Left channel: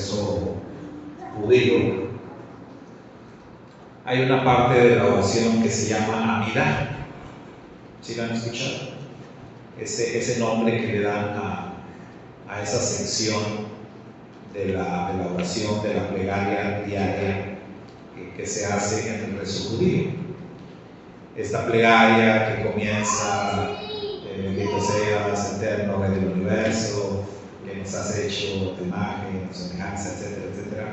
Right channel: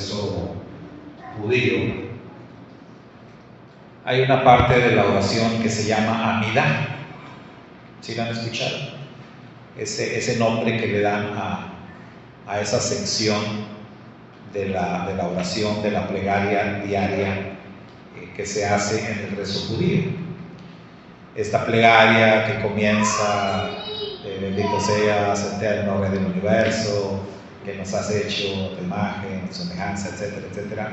rezo judío, hay una parte de la oración que se llama Amidah. ¿Sí la han escuchado? Ese nombre que le dan a esa sección de la oración, de la plegaria diaria que se hace en el rezo judío. Esta plegaria que comienza: bendito seas, eterno Rey del universo, que nos has hecho de imagen, de semejanza, etcétera, etcétera.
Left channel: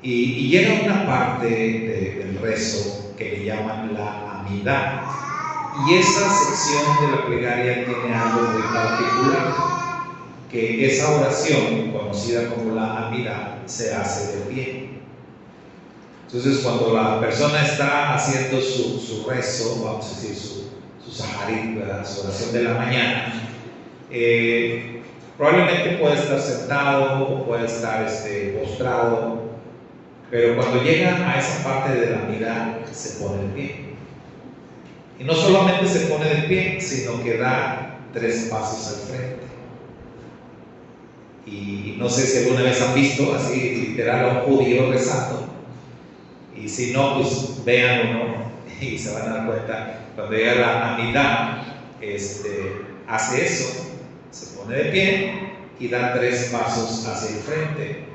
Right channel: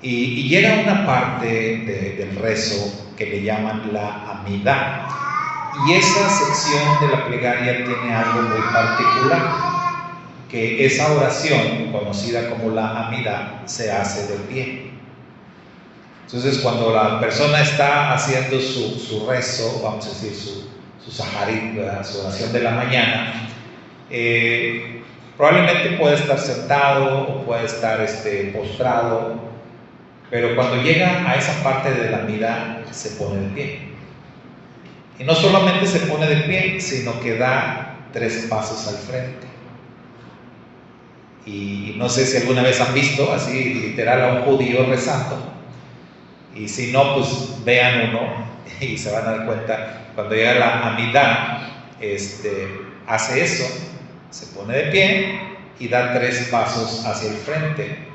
Y llega una parte del rezo que le llaman la Amidah. Y esa sección de la plegaria tiene algo muy particular, que esa oración, conocida como la Amidah, se hace de pie. Entonces, cuando la persona está haciendo su rezo, vamos a decir su saharit, su oración de la mañana, probablemente puede estar sentado o puede estar postrado, pero cuando llega a esa parte de la Amidah, se pone de pie. Y no solamente se pone de pie, sino que da 3 pasos al frente. Y no sé si alguna vez han visto así literal a un judío rezando. Y si no, pues véanlo, y se van a dar cuenta. Cuando llega la Amidah, hace eso, se pone de pie y da 3 pasos hacia el frente.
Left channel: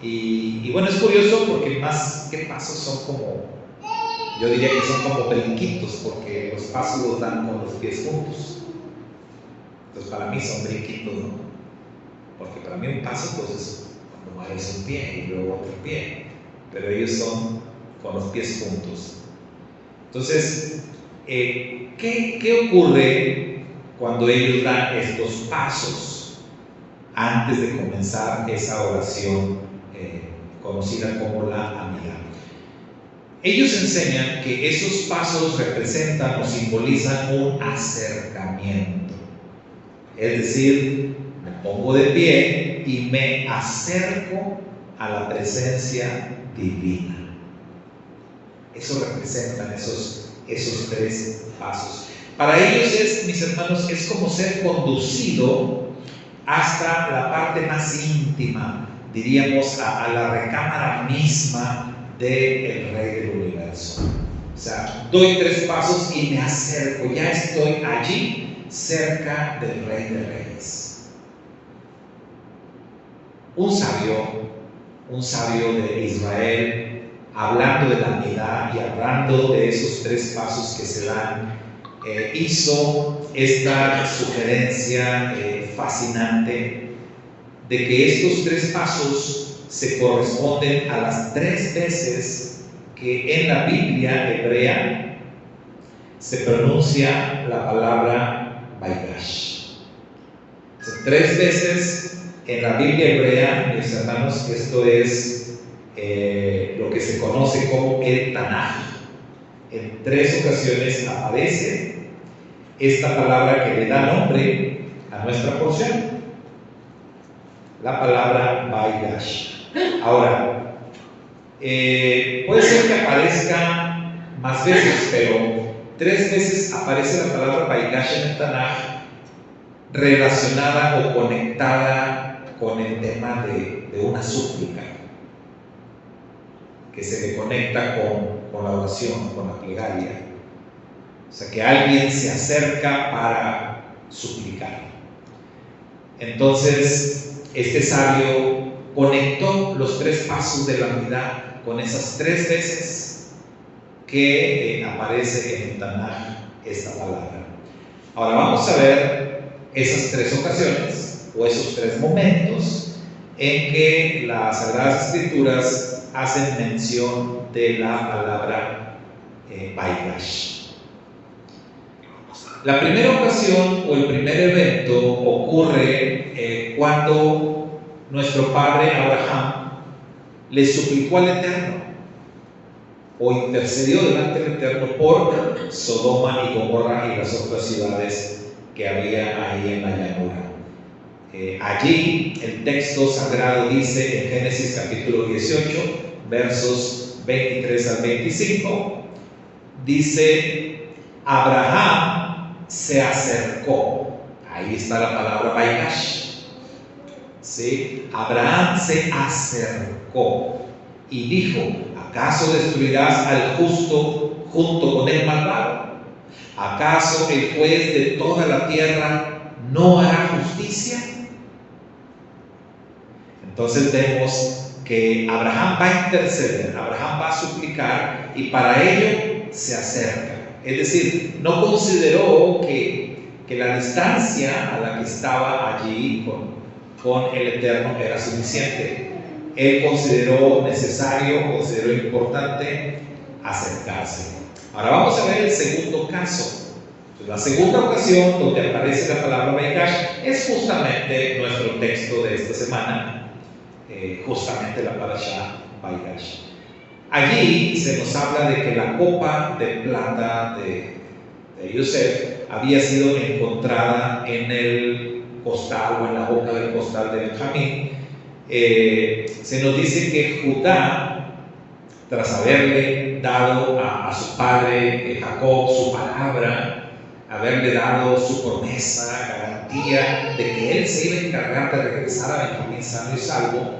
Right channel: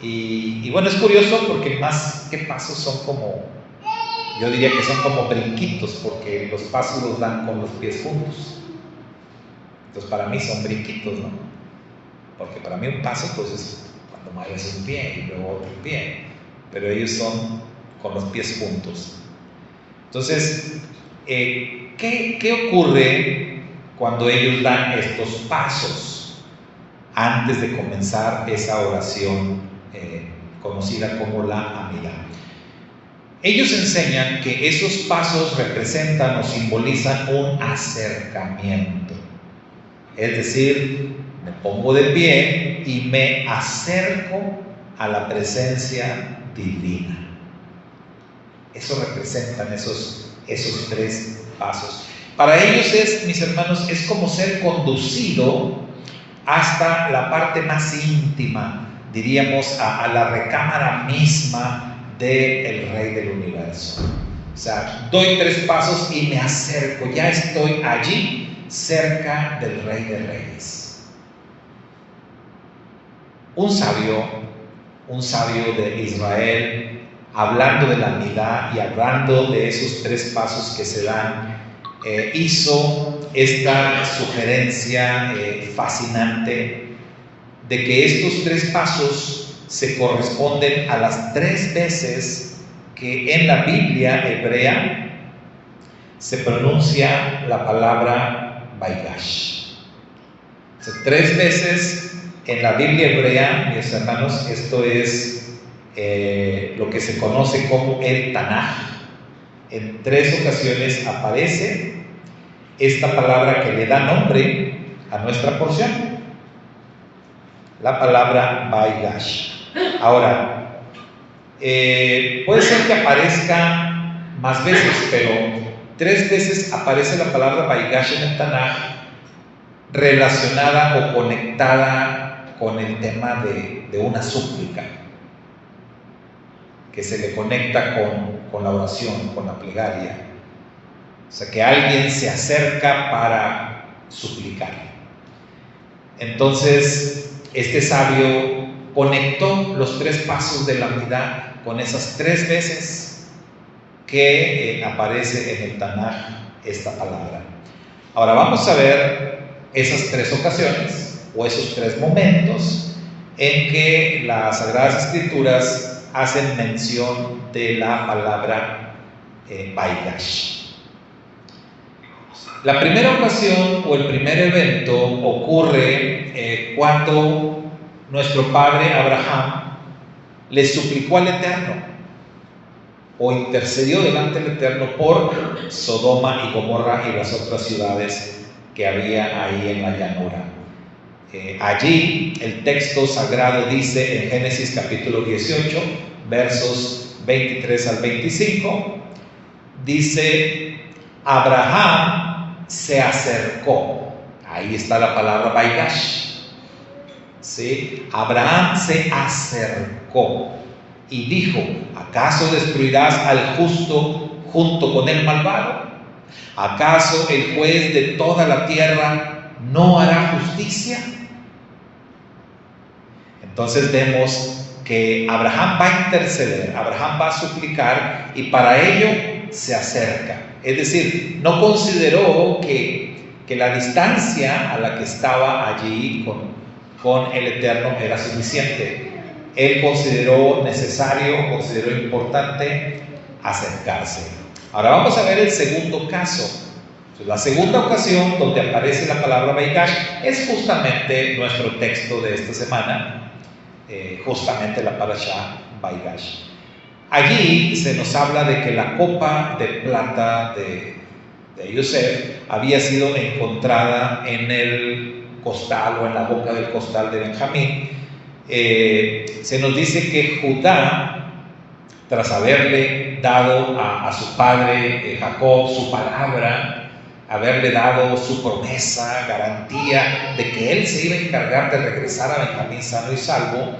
Y bueno, es curioso porque más que pasos son como, yo diría que son como brinquitos, porque los pasos los dan con los pies juntos. Entonces para mí son brinquitos, ¿no? Porque para mí un paso pues es cuando mueves un pie y luego otro pie, pero ellos son con los pies juntos. Entonces, ¿qué ocurre cuando ellos dan estos pasos antes de comenzar esa oración conocida como la Amidah? Ellos enseñan que esos pasos representan o simbolizan un acercamiento. Es decir, me pongo de pie y me acerco a la presencia divina. Eso representan esos 3 pasos. Para ellos mis hermanos, es como ser conducido hasta la parte más íntima, diríamos, a la recámara misma del Rey del universo. O sea, doy 3 pasos y me acerco, ya estoy allí, cerca del Rey de Reyes. Un sabio de Israel, hablando de la Amidah y hablando de esos 3 pasos que se dan, hizo esta sugerencia fascinante de que estos 3 pasos se corresponden a las 3 veces que en la Biblia hebrea se pronuncia la palabra Vaigash. O sea, 3 veces en la Biblia hebrea, mis hermanos, esto es lo que se conoce como el Tanaj. En 3 ocasiones aparece esta palabra que le da nombre a nuestra porción, la palabra Vaigash. Ahora, puede ser que aparezca más veces, pero 3 veces aparece la palabra Vaigash en el Tanaj relacionada o conectada con el tema de una súplica, que se le conecta con la oración, con la plegaria. O sea, que alguien se acerca para suplicar. Entonces, este sabio conectó los 3 pasos de la Amidah con esas 3 veces que aparece en el Tanaj esta palabra. Ahora vamos a ver esas 3 ocasiones o esos 3 momentos en que las Sagradas Escrituras hacen mención de la palabra Vaigash. La primera ocasión o el primer evento ocurre cuando nuestro padre Abraham le suplicó al Eterno o intercedió delante del Eterno por Sodoma y Gomorra y las otras ciudades que había ahí en la llanura. Allí el texto sagrado dice en Génesis capítulo 18, versos 23 al 25, dice: Abraham se acercó. Ahí está la palabra Vaigash. ¿sí? Abraham se acercó y dijo: ¿acaso destruirás al justo junto con el malvado? ¿Acaso el juez de toda la tierra no hará justicia? Entonces vemos que Abraham va a interceder, Abraham va a suplicar, y para ello se acerca. Es decir, no consideró que la distancia a la que estaba allí con el Eterno era suficiente. Él consideró necesario, consideró importante acercarse. Ahora vamos a ver el segundo caso. La segunda ocasión donde aparece la palabra Vaigash es justamente nuestro texto de esta semana, justamente la parashá Vaigash. Allí se nos habla de que la copa de plata de Yosef había sido encontrada en el costal o en la boca del costal de Benjamín. Se nos dice que Judá, tras haberle dado a su padre Jacob su palabra, haberle dado su promesa, garantía de que él se iba a encargar de regresar a Benjamín sano y salvo,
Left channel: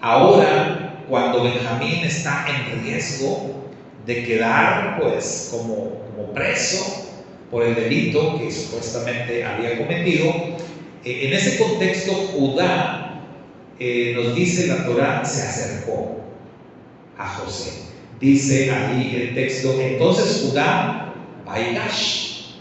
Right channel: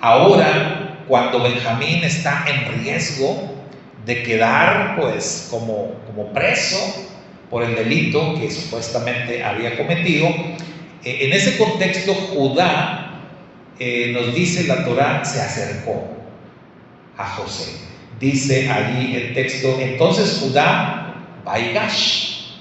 ahora cuando Benjamín está en riesgo de quedar pues como preso por el delito que supuestamente había cometido, en ese contexto Judá, nos dice la Torá, se acercó a José. Dice allí el texto: entonces Judá Vaigash,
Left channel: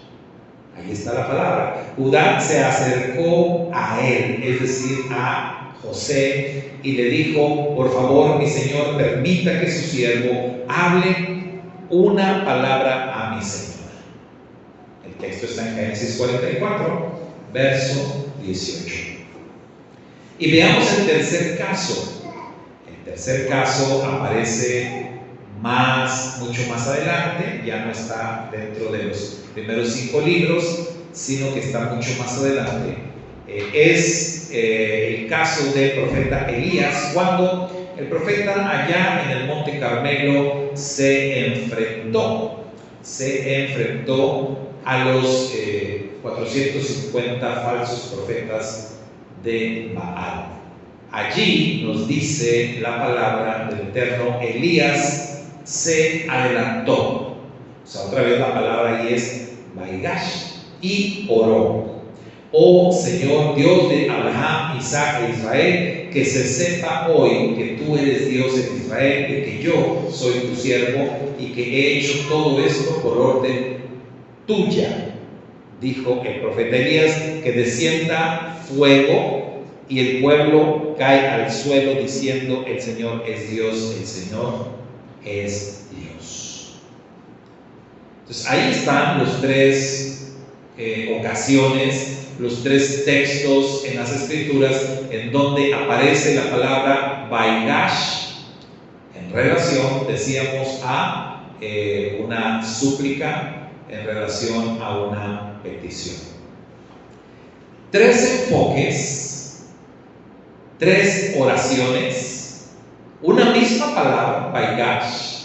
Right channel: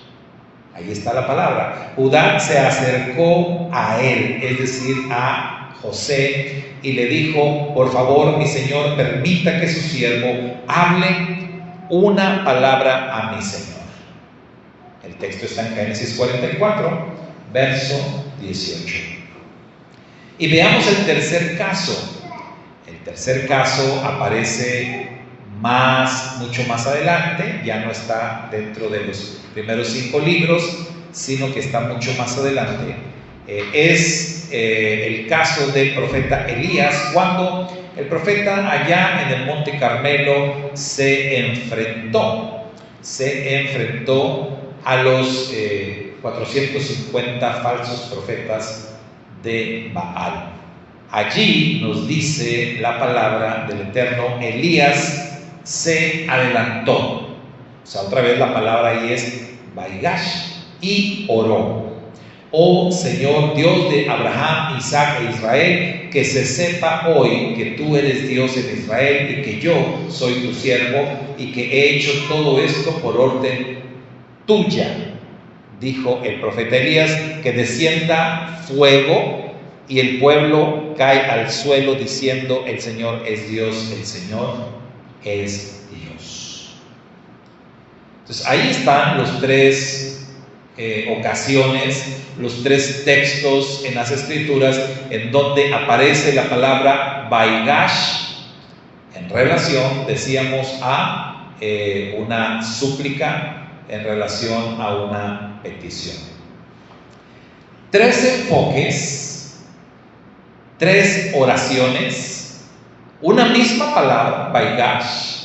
ahí está la palabra, Judá se acercó a él, es decir, a José, y le dijo: por favor, mi señor, permita que su siervo hable una palabra a mi señor. El texto está en Génesis 44, verso 18. Y veamos el tercer caso. El tercer caso aparece mucho más adelante, ya no está dentro de los primeros 5 libros, sino que está mucho más adelante. Es el caso del profeta Elías, cuando el profeta allá en el Monte Carmelo se enfrentó a los 450 falsos profetas de Baal. Allí nos dice la palabra del Eterno: Elías se adelantó. O sea, otra vez la palabra ahí es Vaigash, y oró: oh Señor, Dios de Abraham, Isaac e Israel, que se sepa hoy que tú eres Dios en Israel y que yo soy tu siervo y que he hecho todo esto por orden tuya. Dijo el profeta Elías: que descienda fuego, y el pueblo cae al suelo diciendo: el Señor es Dios, el Señor es Dios. Entonces ahí están los 3 ocasiones, los 3 textos en las Escrituras en donde aparece la palabra Vaigash en relación, decíamos, a una súplica, en relación a una petición. 3 enfoques, 3 oraciones, una misma palabra, Vaigash,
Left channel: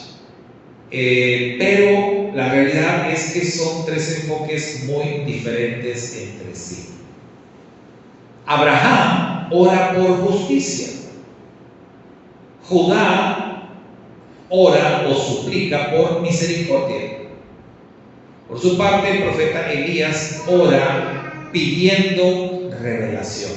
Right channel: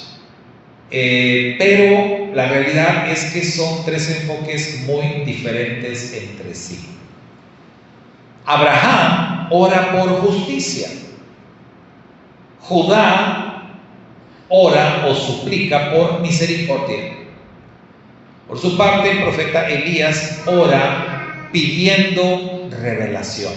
pero la realidad es que son 3 enfoques muy diferentes entre sí. Abraham ora por justicia. Judá ora o suplica por misericordia. Por su parte, el profeta Elías ora pidiendo revelación,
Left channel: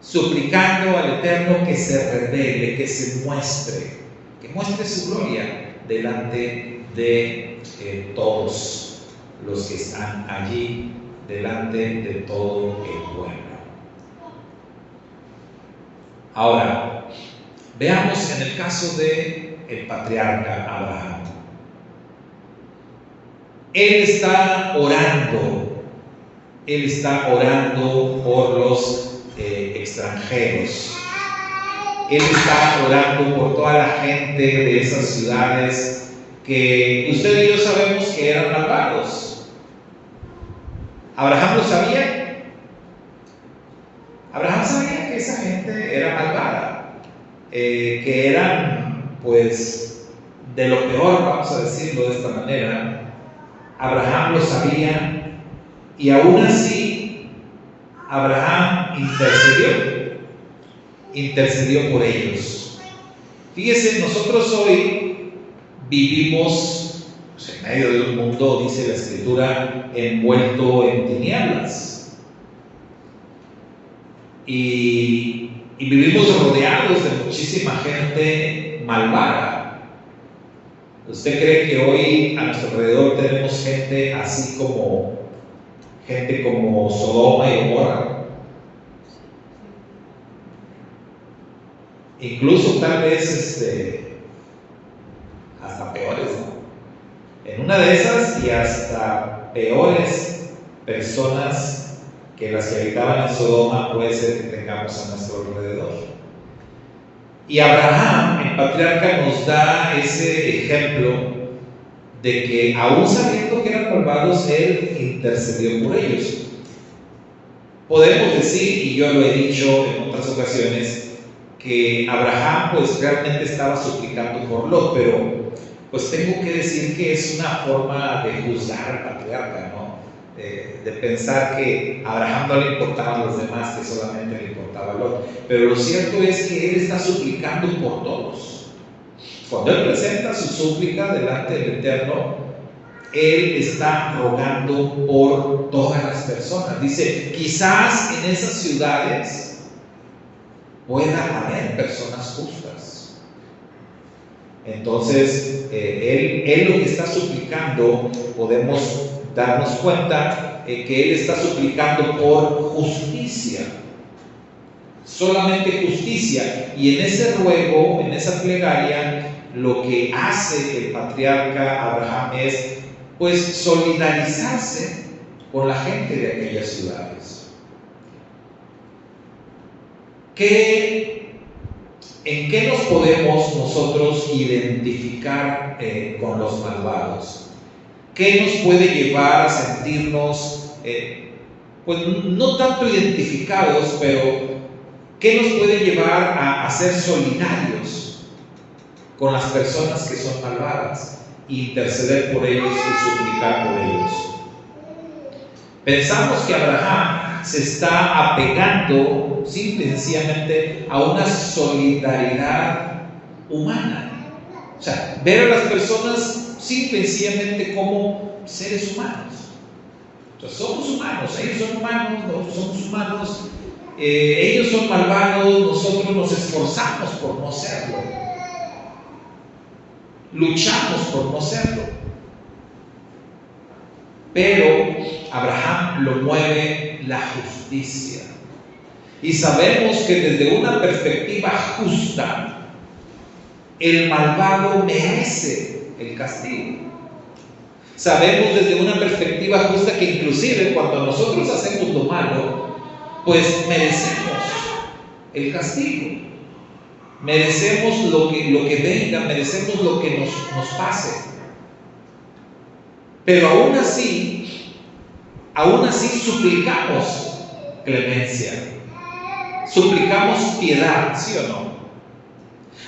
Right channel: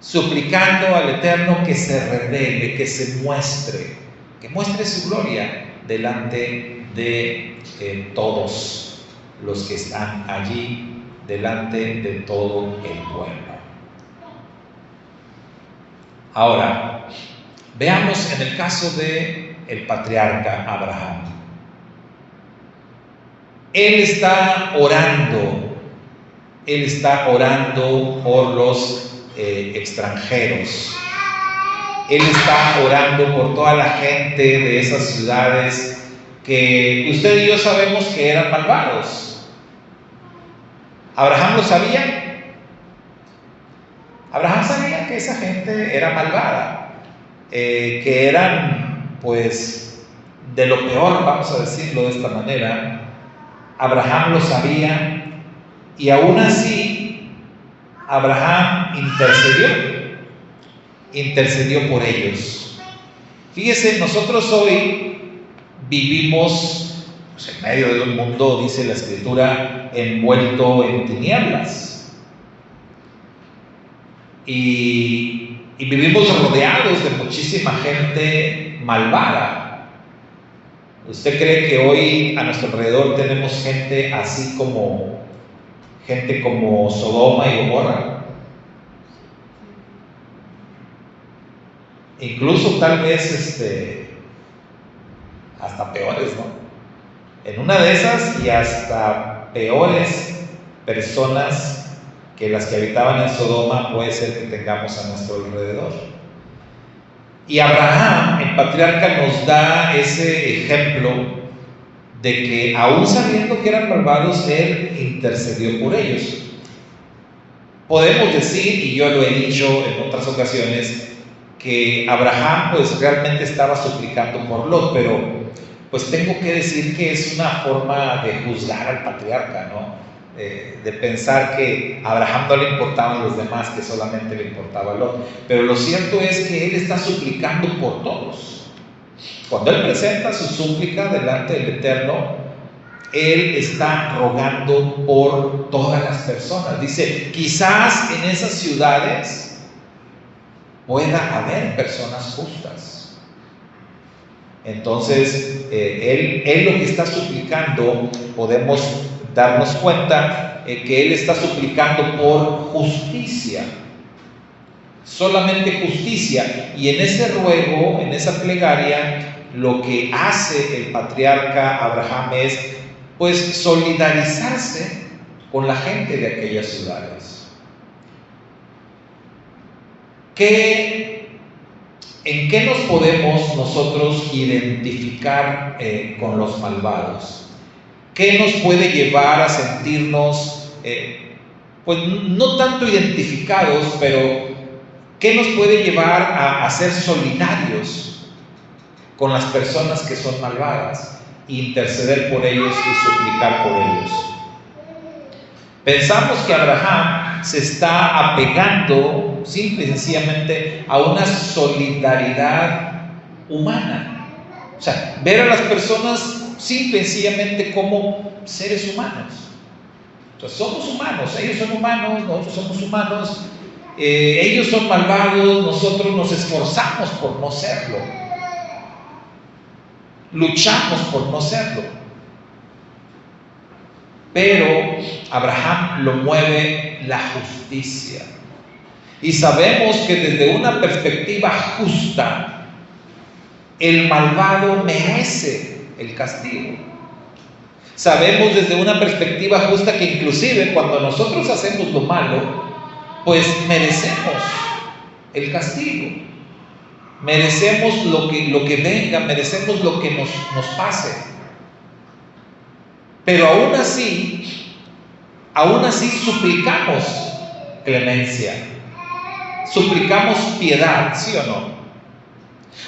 suplicando al Eterno que se revele, que se muestre, que muestre su gloria delante de todos los que están allí, delante de todo el pueblo. Ahora, veamos en el caso de el patriarca Abraham. Él está orando por los extranjeros. Él está orando por toda la gente de esas ciudades que usted y yo sabemos que eran malvados. ¿Abraham lo sabía? Abraham sabía que esa gente era malvada, que eran pues de lo peor, vamos a decirlo de esta manera. Abraham lo sabía, y aún así Abraham intercedió. intercedió por ellos. Fíjese, nosotros hoy vivimos pues, en medio de un mundo, dice la Escritura, envuelto en tinieblas. Y vivimos rodeados de muchísima gente malvada. ¿Usted cree que hoy a nuestro alrededor tenemos gente así como Sodoma y Gomorra? Incluso tal vez hasta peores, ¿no? En una de esas y hasta peores personas que las que habitaban en Sodoma puede ser que tengamos a nuestro alrededor. Y Abraham, el patriarca, nos da ese ejemplo de que aún sabiendo que eran malvados, él intercedió por ellos. Podemos decir, y yo lo he dicho en otras ocasiones, que Abraham pues realmente estaba suplicando por Lot, pero pues tengo que decir que es una forma de juzgar al patriarca, ¿no? De pensar que a Abraham no le importaban los demás, que solamente le importaba Lot. Pero lo cierto es que él está suplicando por todos. Cuando él presenta su súplica delante del Eterno, él está rogando por todas las personas. Dice, quizás en esas ciudades pueda haber personas justas. Entonces, él lo que está suplicando, podemos darnos cuenta que él está suplicando por justicia, solamente justicia. Y en ese ruego, en esa plegaria, lo que hace el patriarca Abraham es, pues, solidarizarse con la gente de aquellas ciudades. ¿En qué nos podemos nosotros identificar con los malvados? ¿Qué nos puede llevar a sentirnos, pues no tanto identificados, pero qué nos puede llevar a ser solidarios con las personas que son malvadas, interceder por ellos y suplicar por ellos? Pensamos que Abraham se está apegando simple y sencillamente a una solidaridad humana. O sea, ver a las personas simple y sencillamente como seres humanos. Entonces, somos humanos, ellos son humanos, nosotros somos humanos, ellos son malvados, nosotros nos esforzamos por no serlo, luchamos por no serlo. Pero Abraham lo mueve la justicia. Y sabemos que desde una perspectiva justa, el malvado merece el castigo. Sabemos desde una perspectiva justa que inclusive cuando nosotros hacemos lo malo, pues merecemos el castigo. Merecemos lo que venga, merecemos lo que nos pase. Pero aún así suplicamos clemencia, suplicamos piedad, ¿sí o no?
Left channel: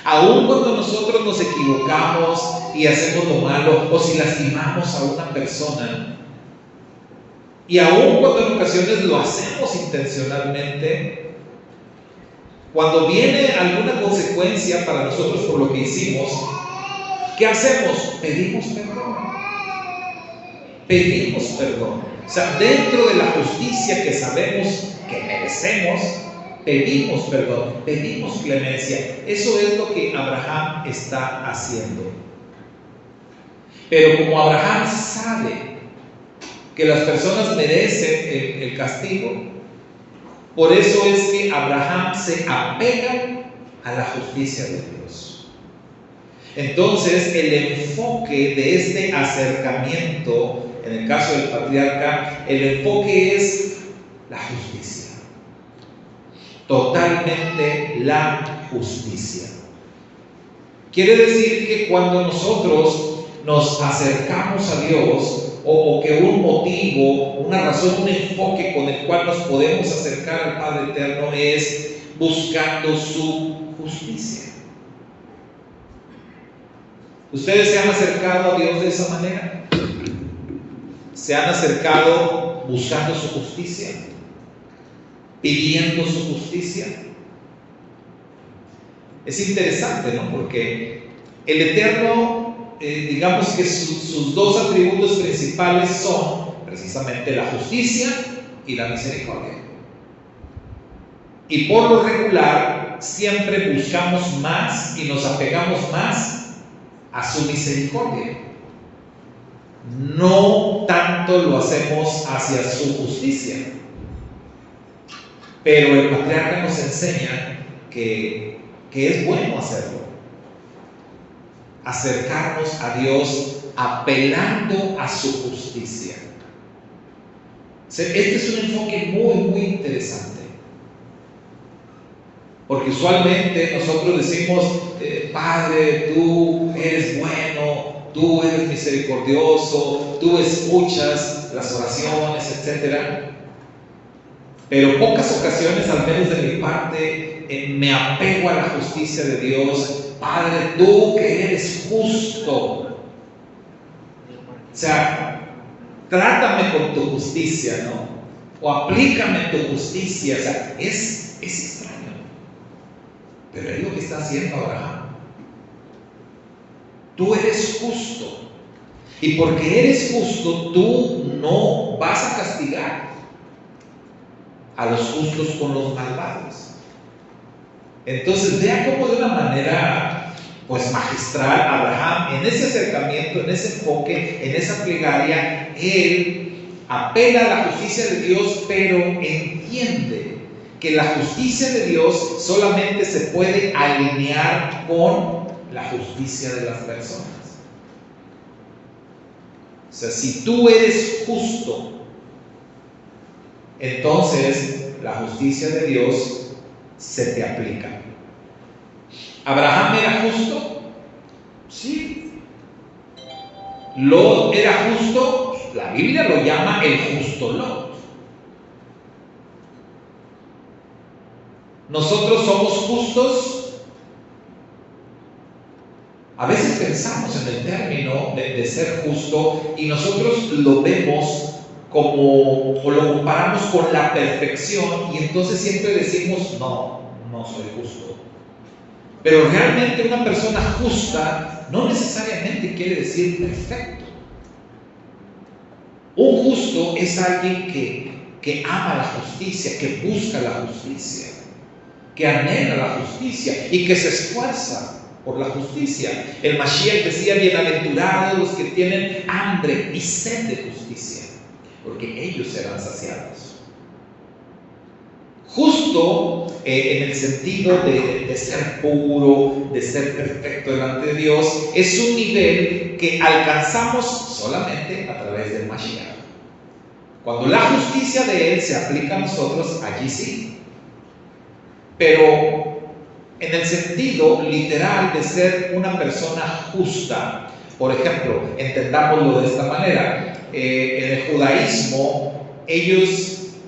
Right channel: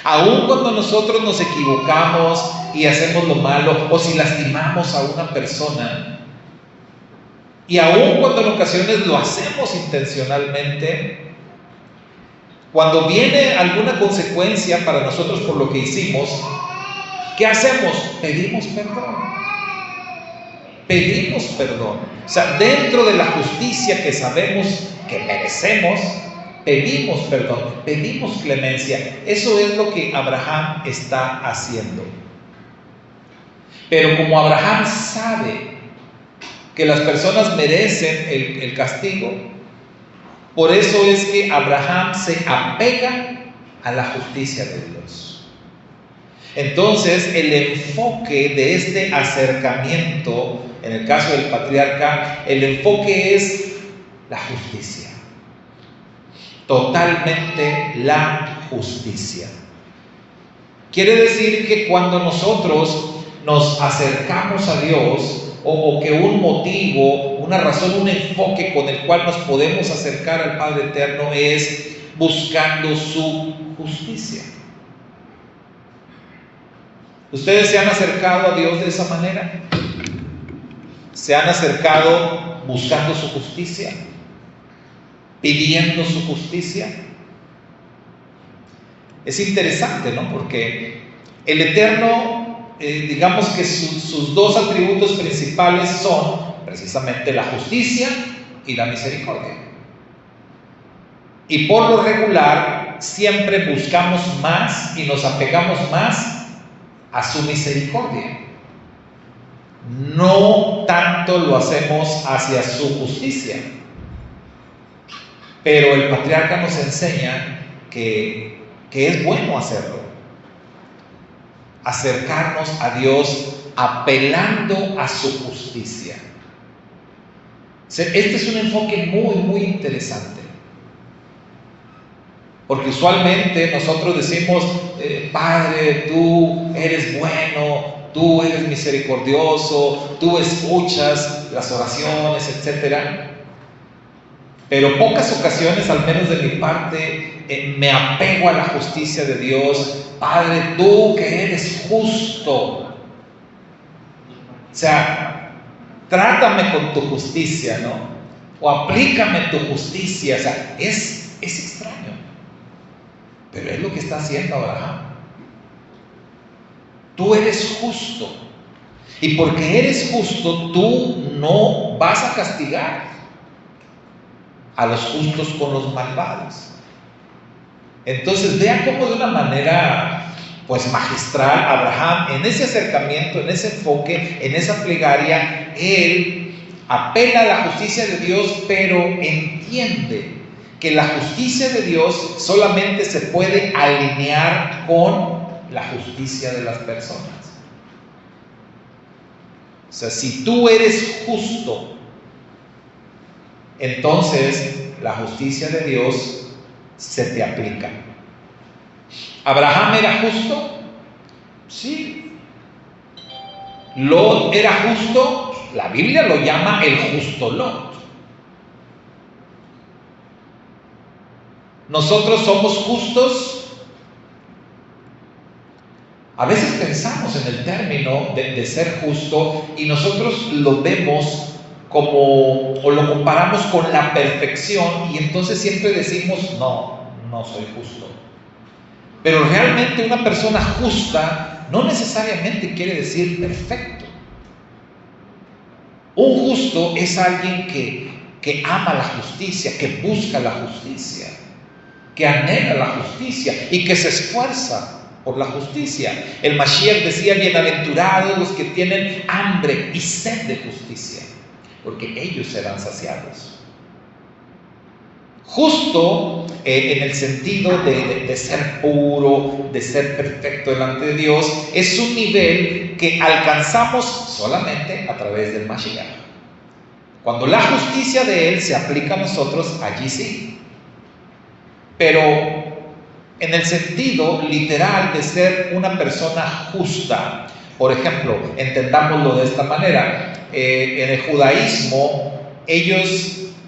Aún cuando nosotros nos equivocamos y hacemos lo malo, o si lastimamos a una persona, y aún cuando en ocasiones lo hacemos intencionalmente, cuando viene alguna consecuencia para nosotros por lo que hicimos, ¿qué hacemos? Pedimos perdón. Pedimos perdón. O sea, dentro de la justicia que sabemos que merecemos, pedimos perdón, pedimos clemencia. Eso es lo que Abraham está haciendo. Pero como Abraham sabe que las personas merecen el castigo, por eso es que Abraham se apega a la justicia de Dios. Entonces, el enfoque de este acercamiento, en el caso del patriarca, el enfoque es la justicia. Totalmente la justicia. Quiere decir que cuando nosotros nos acercamos a Dios, o que un motivo, una razón, un enfoque con el cual nos podemos acercar al Padre Eterno es buscando su justicia. ¿Ustedes se han acercado a Dios de esa manera? ¿Se han acercado buscando su justicia? ¿Pidiendo su justicia? Es interesante, ¿no? Porque el Eterno, digamos que sus dos atributos principales son precisamente la justicia y la misericordia. Y por lo regular, siempre buscamos más y nos apegamos más a su misericordia. No tanto lo hacemos hacia su justicia. Pero el patriarca nos enseña que es bueno hacerlo. Acercarnos a Dios apelando a su justicia. Este es un enfoque muy, muy interesante. Porque usualmente nosotros decimos, Padre, tú eres bueno, tú eres misericordioso, tú escuchas las oraciones, etc. Pero pocas ocasiones, al menos de mi parte, me apego a la justicia de Dios. Padre, tú que eres justo. O sea, trátame con tu justicia, ¿no? O aplícame tu justicia. O sea, es extraño. Pero es lo que está haciendo Abraham. Tú eres justo. Y porque eres justo, tú no vas a castigar a los justos con los malvados. Entonces, vean cómo de una manera pues magistral Abraham, en ese acercamiento, en ese enfoque, en esa plegaria, él apela a la justicia de Dios, pero entiende que la justicia de Dios solamente se puede alinear con la justicia de las personas. O sea, si tú eres justo, entonces la justicia de Dios se te aplica. ¿Abraham era justo? Sí. ¿Lot era justo? La Biblia lo llama el justo Lot. ¿Nosotros somos justos? A veces pensamos en el término de ser justo y nosotros lo vemos como, o lo comparamos con la perfección, y entonces siempre decimos, no soy justo. Pero realmente una persona justa no necesariamente quiere decir perfecto. Un justo es alguien que ama la justicia, que busca la justicia, que anhela la justicia y que se esfuerza por la justicia. El Mashiach decía, bienaventurados los que tienen hambre y sed de justicia, porque ellos serán saciados. Justo en el sentido de ser puro, de ser perfecto delante de Dios, es un nivel que alcanzamos solamente a través del Mashiach. Cuando la justicia de Él se aplica a nosotros, allí sí. Pero en el sentido literal de ser una persona justa, por ejemplo, entendámoslo de esta manera, en el judaísmo,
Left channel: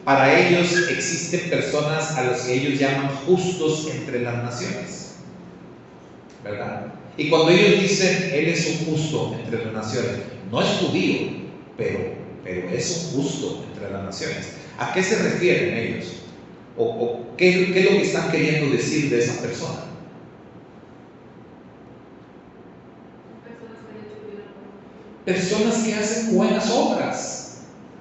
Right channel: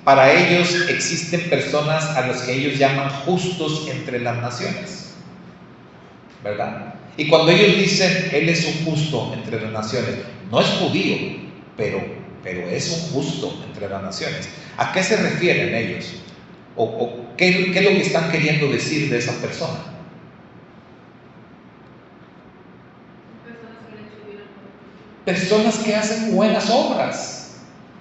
para ellos existen personas a las que ellos llaman justos entre las naciones, ¿verdad? Y cuando ellos dicen, Él es un justo entre las naciones, no es judío, pero es un justo entre las naciones. ¿A qué se refieren ellos? ¿O qué es lo que están queriendo decir de esa persona? Personas que hacen buenas obras,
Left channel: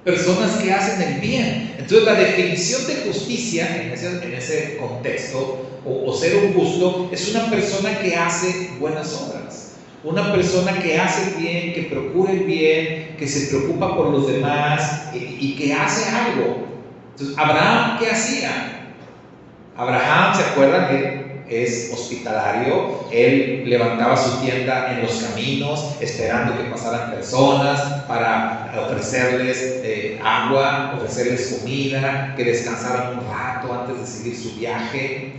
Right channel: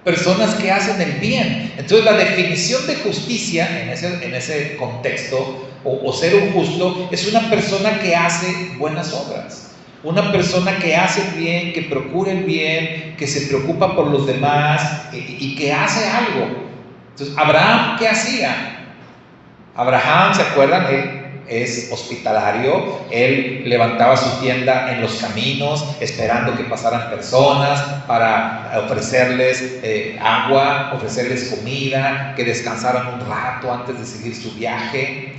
personas que hacen el bien. Entonces la definición de justicia en ese contexto, o ser un justo, es una persona que hace buenas obras, una persona que hace el bien, que procura el bien, que se preocupa por los demás y que hace algo. Entonces, ¿Abraham qué hacía? Abraham, ¿se acuerdan? Él es hospitalario. Él levantaba su tienda en los caminos, esperando que pasaran personas para ofrecerles agua, ofrecerles comida, que descansaran un rato antes de seguir su viaje.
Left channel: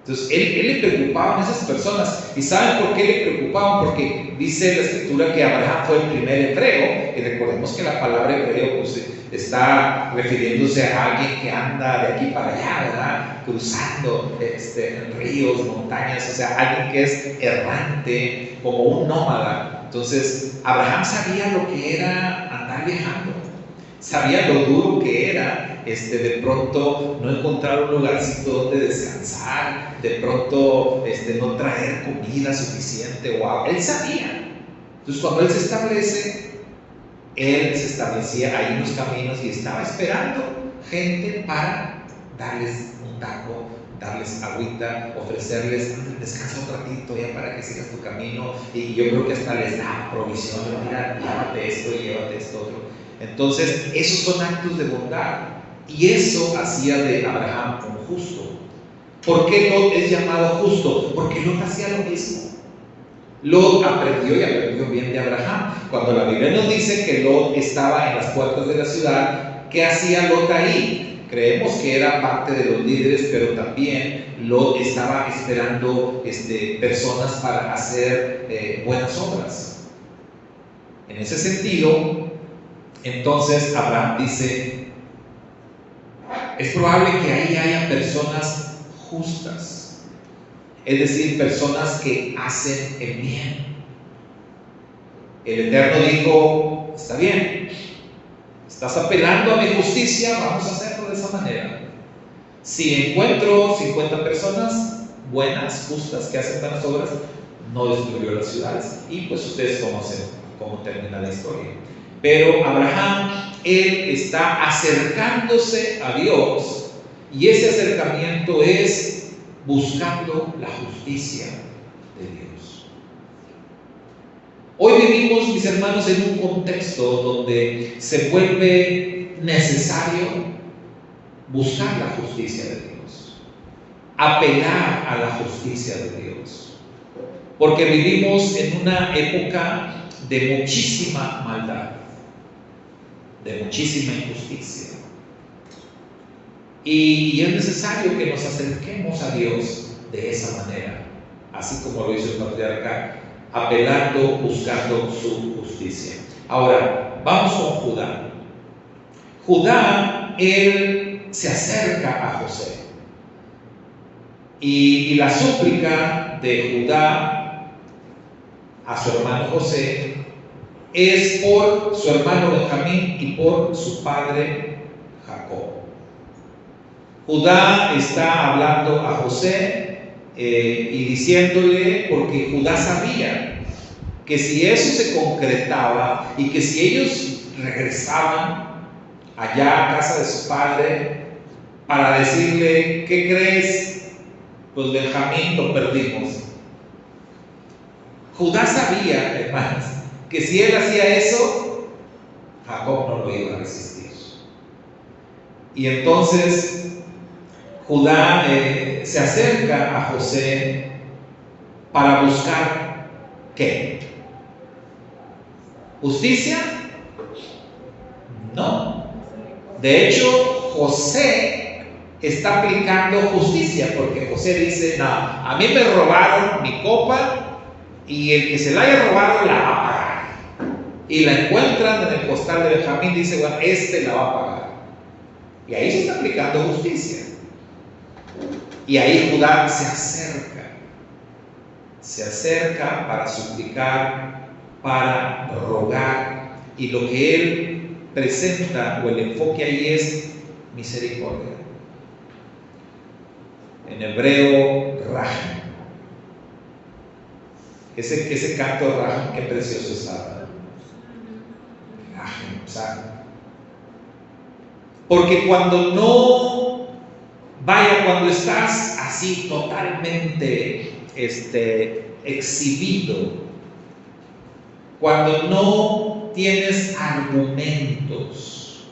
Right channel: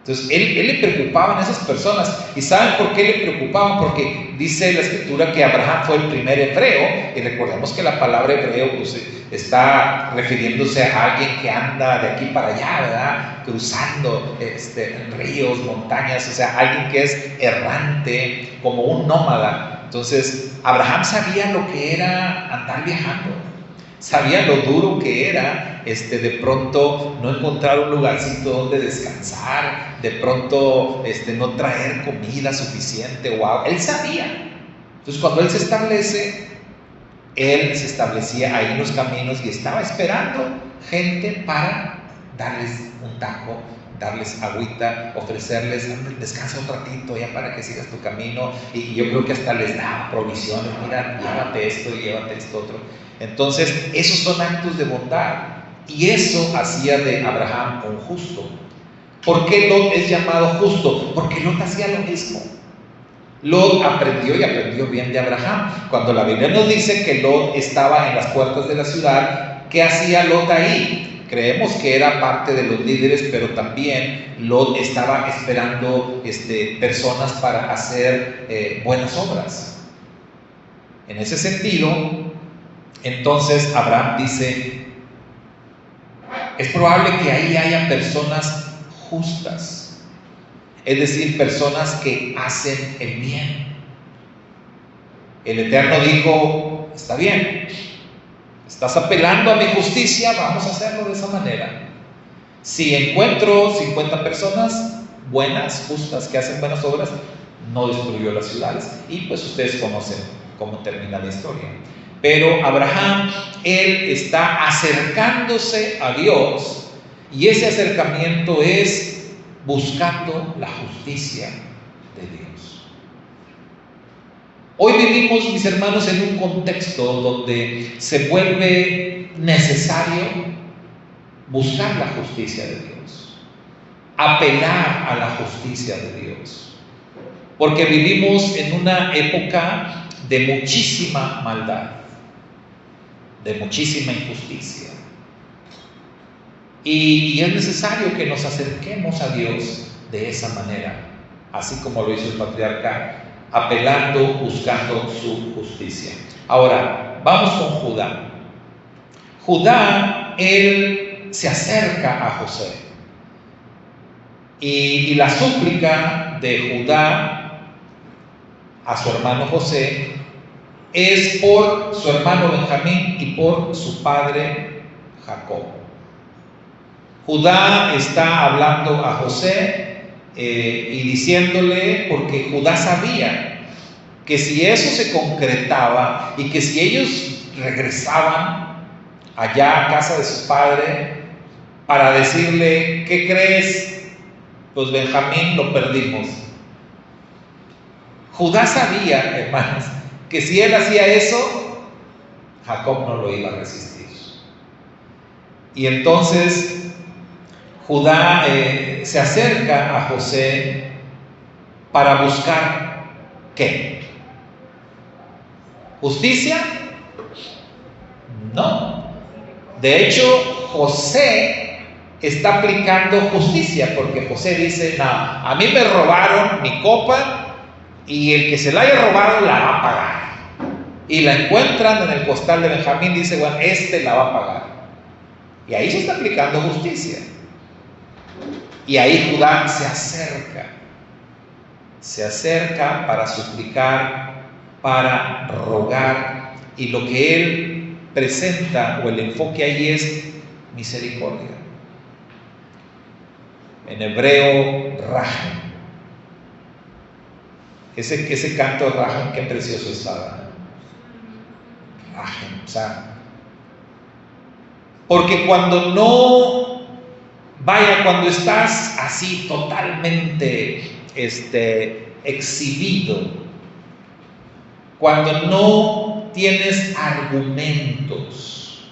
Entonces, él le preocupaba a esas personas. ¿Y saben por qué le preocupaban? Porque dice la Escritura que Abraham fue el primer hebreo, y recordemos que la palabra hebreo pues, está refiriéndose a alguien que anda de aquí para allá, ¿verdad? Cruzando ríos, montañas, o sea, alguien que es errante, como un nómada. Entonces, Abraham sabía lo que era andar viajando, sabía lo duro que era de pronto no encontrar un lugarcito donde descansar, de pronto no traer comida suficiente, wow. Él sabía. Entonces cuando él se establece, él se establecía ahí en los caminos y estaba esperando gente para darles un taco, darles agüita, ofrecerles, descansa un ratito ya para que sigas tu camino. Y yo creo que hasta les da provisión, mira, llévate esto y llévate esto otro. Entonces esos son actos de bondad, y eso hacía de Abraham un justo. ¿Por qué Lot es llamado justo? Porque Lot hacía lo mismo. Lot aprendió bien de Abraham. Cuando la Biblia nos dice que Lot estaba en las puertas de la ciudad, ¿qué hacía Lot ahí? Creemos que era parte de los líderes, pero también Lot estaba esperando personas para hacer buenas obras. En ese sentido, entonces Abraham dice, es probable que ahí haya personas justas, es decir, personas que hacen el bien. El Eterno dijo, está bien, estás apelando a mi justicia, vamos a hacerlo de esa manera. Si encuentro 50 personas buenas, justas, que hacen buenas obras, no destruyó las ciudades. Y pues ustedes conocen cómo termina la historia. Pero Abraham, él está acercándose a Dios, y ese acercamiento es buscando la justicia de Dios. Hoy vivimos, mis hermanos, en un contexto donde se vuelve necesario buscar la justicia de Dios, apelar a la justicia de Dios, porque vivimos en una época de muchísima maldad, de muchísima injusticia, y es necesario que nos acerquemos a Dios de esa manera, así como lo hizo el patriarca, apelando, buscando su justicia. Ahora, vamos con Judá. Judá, él se acerca a José, y la súplica de Judá a su hermano José es por su hermano Benjamín y por su padre Jacob. Judá está hablando a José y diciéndole, porque Judá sabía que si eso se concretaba y que si ellos regresaban allá a casa de su padre para decirle, ¿qué crees? Pues Benjamín lo perdimos. Judá sabía, hermanos, que si él hacía eso, Jacob no lo iba a resistir. Y entonces Judá se acerca a José para buscar ¿qué? ¿Justicia? No. De hecho, José está aplicando justicia, porque José dice, no, a mí me robaron mi copa, y el que se la haya robado la va a pagar. Y la encuentran en el costal de Benjamín, dice, bueno, la va a pagar. Y ahí se está aplicando justicia. Y ahí Judá se acerca para suplicar, para rogar, y lo que él presenta, o el enfoque ahí, es misericordia. En hebreo, Raham. Ese canto de Raham, qué precioso está. Raham, o sea, porque cuando estás así totalmente exhibido, cuando no tienes argumentos,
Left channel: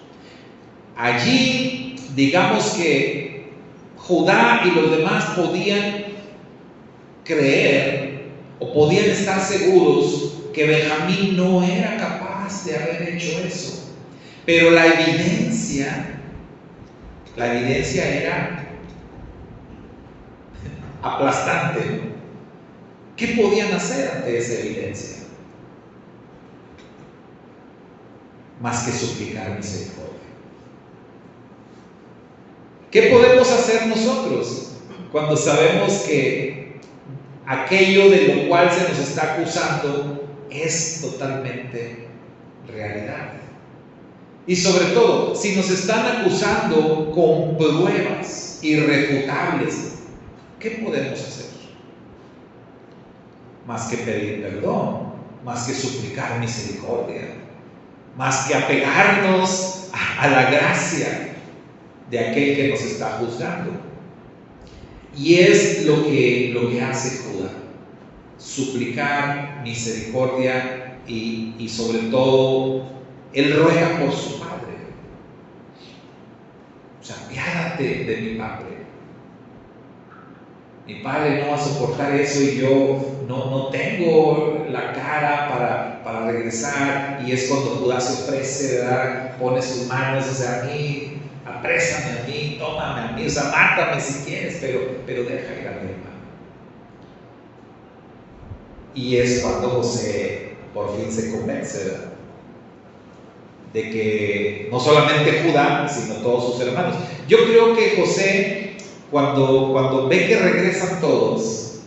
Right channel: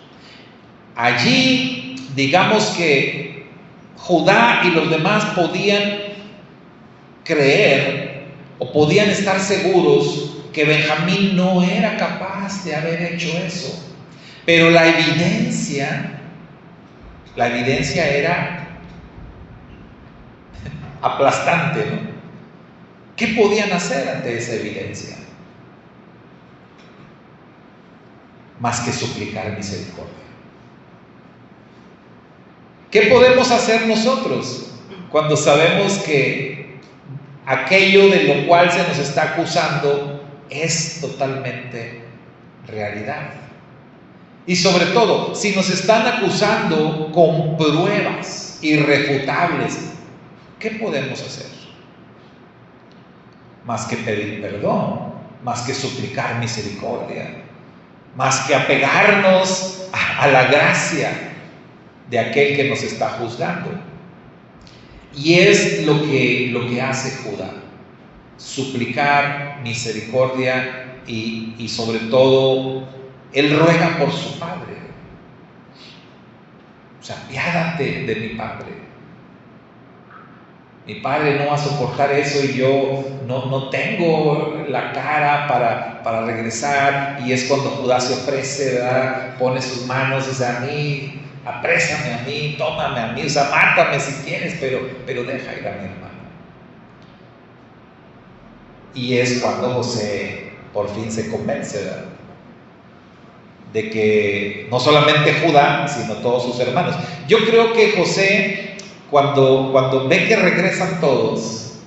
allí digamos que Judá y los demás podían creer o podían estar seguros que Benjamín no era capaz de haber hecho eso, pero la evidencia era aplastante, ¿no? ¿Qué podían hacer ante esa evidencia? Más que suplicar misericordia. ¿Qué podemos hacer nosotros cuando sabemos que aquello de lo cual se nos está acusando es totalmente realidad? Y sobre todo, si nos están acusando con pruebas irrefutables, ¿qué podemos hacer? Más que pedir perdón, más que suplicar misericordia, más que apegarnos a la gracia de aquel que nos está juzgando. Y es lo que hace Judá: suplicar misericordia y sobre todo, él ruega por su padre. O sea, apiádate de mi padre. Mi padre no va a soportar eso y yo no tengo la cara para regresar. Y es cuando Judá se ofrece, ¿verdad? Pone sus manos, o sea, a mí, aprésame a mí, tómame a mí, o sea, mátame si quieres, pero deja ir a mi hermano. Y es cuando José por fin se convence, ¿verdad?, de que no solamente Judá, sino todos sus hermanos. Yo creo que José, cuando ve que regresan todos,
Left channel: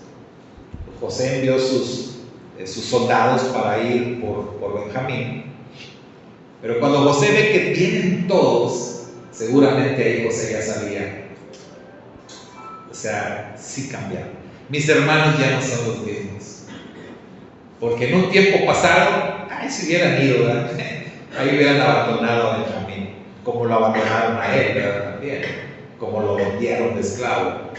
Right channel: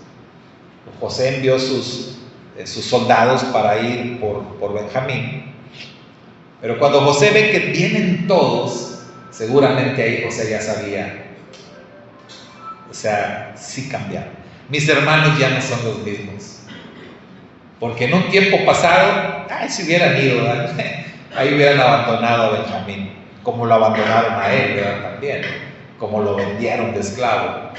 José envió sus soldados para ir por Benjamín. Pero cuando José ve que vienen todos, seguramente ahí José ya sabía, o sea, sí cambiaron. Mis hermanos ya no son los mismos. Porque en un tiempo pasado, si hubieran ido, ¿verdad?, ahí hubieran abandonado a Benjamín, como lo abandonaron a él, ¿verdad?, también, como lo vendieron de esclavo.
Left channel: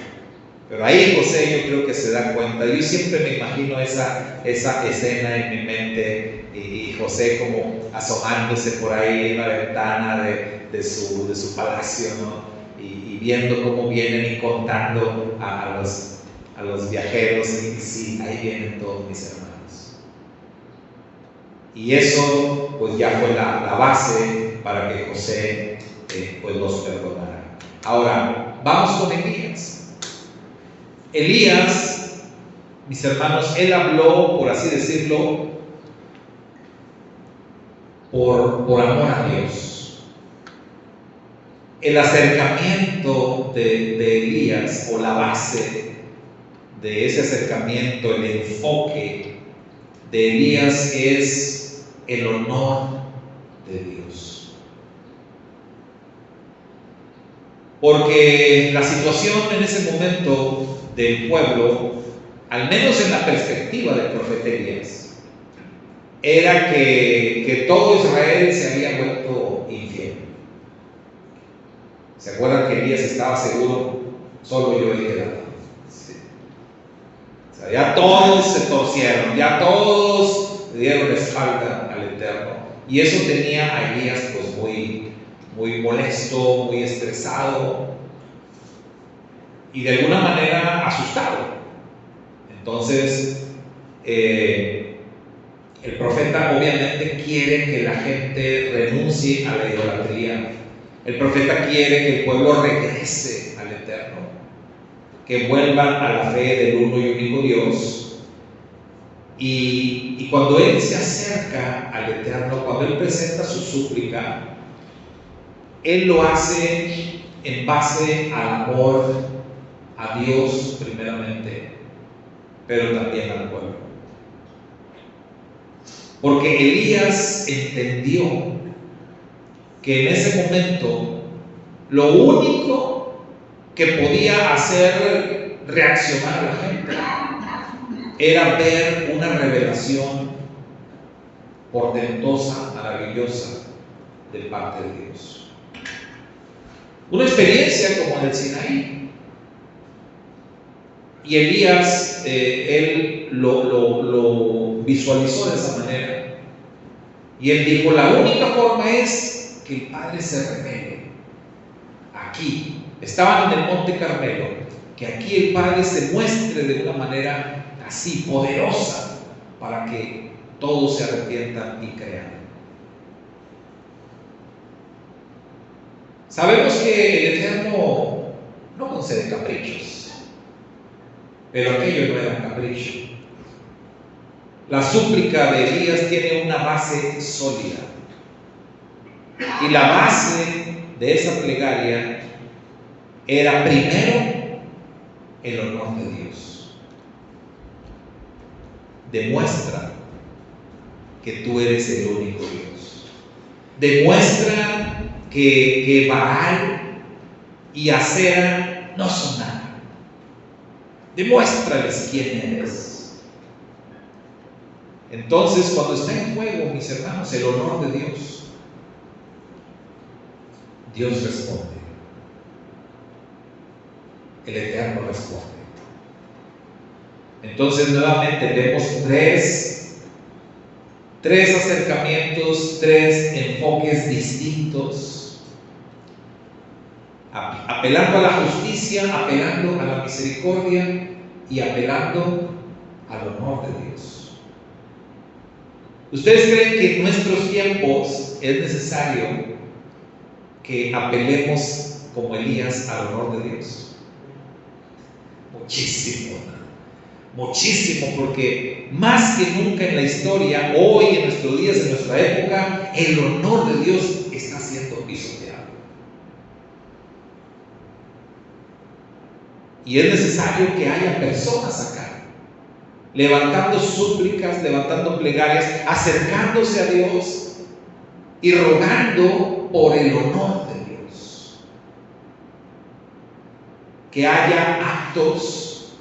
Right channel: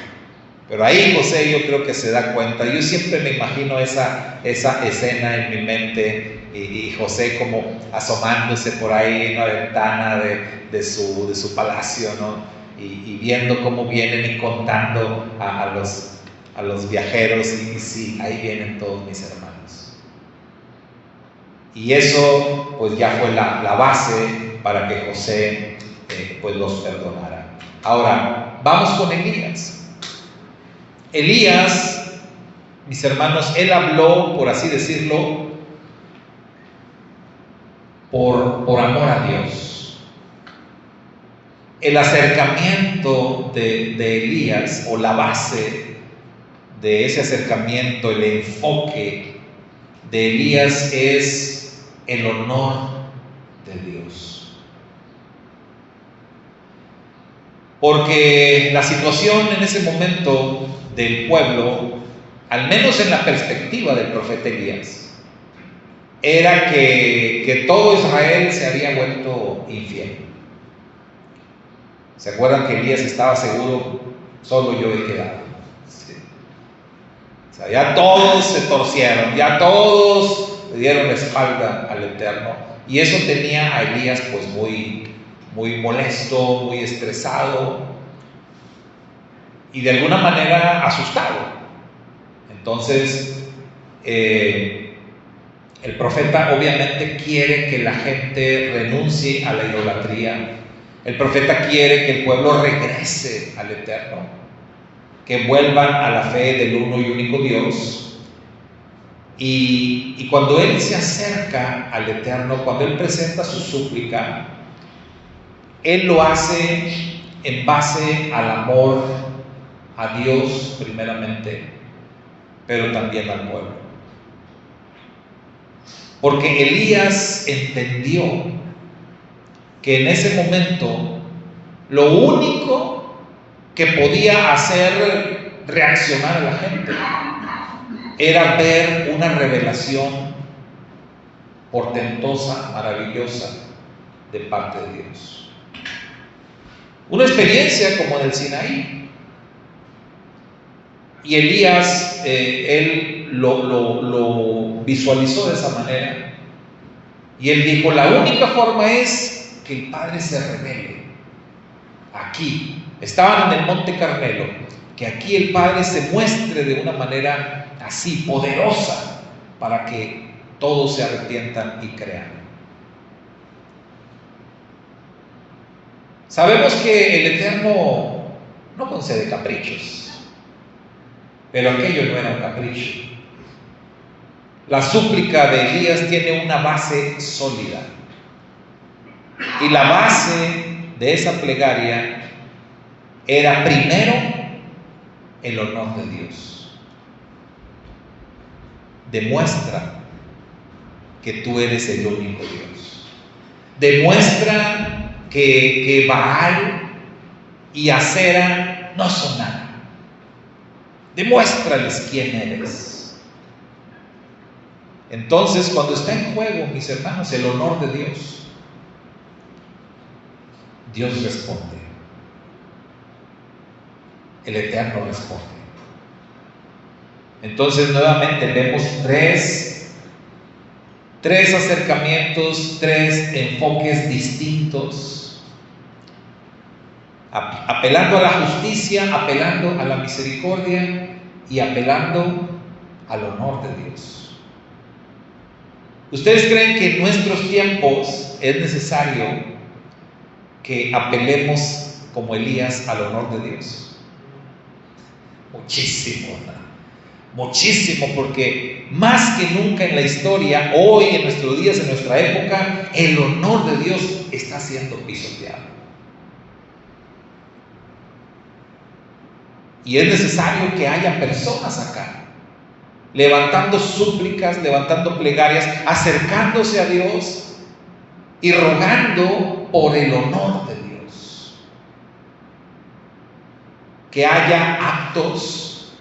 Pero ahí José, yo creo que se da cuenta. Yo siempre me imagino esa escena en mi mente, y José como asomándose por ahí en la ventana de su palacio, ¿no?, y viendo cómo vienen y contando a los viajeros, y sí, ahí vienen todos mis hermanos. Y eso pues ya fue la base para que José pues los perdonara. Ahora, vamos con Elías. Elías, mis hermanos, él habló, por así decirlo, por amor a Dios. El acercamiento de Elías, o la base de ese acercamiento, el enfoque de Elías es el honor de Dios. Porque la situación en ese momento del pueblo, al menos en la perspectiva del profeta Elías, era que todo Israel se había vuelto infiel. ¿Se acuerdan que Elías estaba seguro? Solo yo he quedado. Sí. O sea, ya todos se torcieron, ya todos le dieron la espalda al Eterno, y eso tenía a Elías pues muy molesto, muy estresado y de alguna manera asustado. Entonces el profeta obviamente quiere que la gente renuncie a la idolatría. El profeta quiere que el pueblo regrese al Eterno, que vuelvan a la fe del uno y único Dios. Y cuando él se acerca al Eterno, cuando él presenta su súplica, él lo hace en base al amor a Dios primeramente, pero también al pueblo. Porque Elías entendió que en ese momento lo único que podía hacer reaccionar a la gente era ver una revelación portentosa, maravillosa de parte de Dios. Una experiencia como en el Sinaí. Y Elías, él lo visualizó de esa manera. Y él dijo: la única forma es que el Padre se revele. Aquí, estaban en el Monte Carmelo, que aquí el Padre se muestre de una manera así poderosa para que todos se arrepientan y crean. Sabemos que el Eterno no concede caprichos, pero aquello no era un capricho. La súplica de Elías tiene una base sólida, y la base de esa plegaria era primero el honor de Dios. Demuestra que tú eres el único Dios. Demuestra que Baal y Acera no son nada. Demuéstrales quién eres. Entonces, cuando está en juego, mis hermanos, el honor de Dios, Dios responde. El Eterno responde. Entonces, nuevamente vemos tres acercamientos, tres enfoques distintos, apelando a la justicia, apelando a la misericordia y apelando al honor de Dios. ¿Ustedes creen que en nuestros tiempos es necesario que apelemos como Elías al honor de Dios? Muchísimo, ¿no? Muchísimo, porque más que nunca en la historia, hoy, en nuestros días, en nuestra época, el honor de Dios está siendo pisoteado. Y es necesario que haya personas acá levantando súplicas, levantando plegarias, acercándose a Dios y rogando por el honor de Dios. Que haya actos,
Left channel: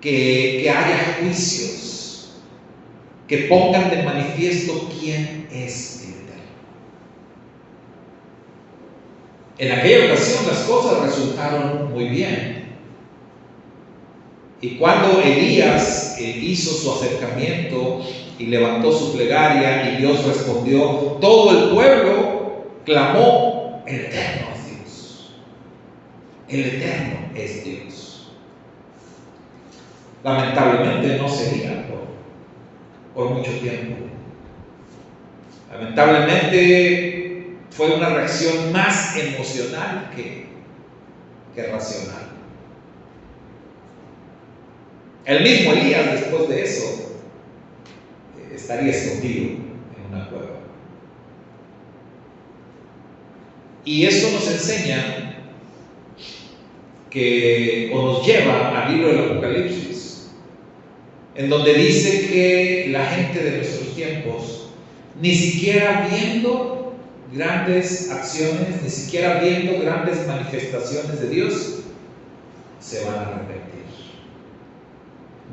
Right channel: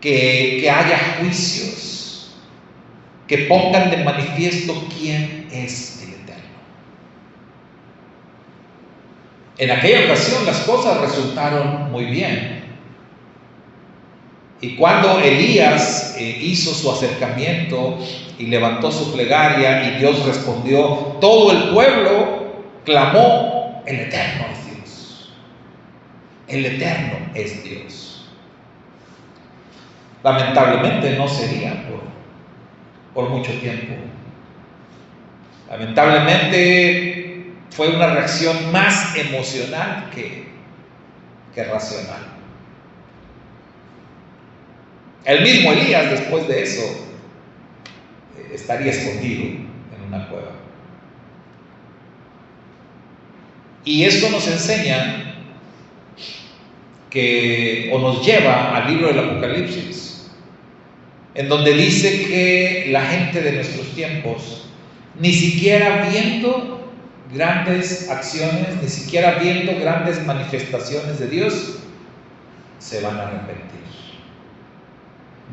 que haya juicios, que pongan de manifiesto quién es el Eterno. En aquella ocasión las cosas resultaron muy bien. Y cuando Elías hizo su acercamiento y levantó su plegaria y Dios respondió, todo el pueblo clamó: el Eterno es Dios. El Eterno es Dios. Lamentablemente no sería por mucho tiempo. Lamentablemente fue una reacción más emocional que racional. El mismo Elías, después de eso, estaría escondido en una cueva. Y esto nos enseña o nos lleva al libro del Apocalipsis, en donde dice que la gente de nuestros tiempos, ni siquiera viendo grandes acciones, ni siquiera viendo grandes manifestaciones de Dios, se van a arrepentir.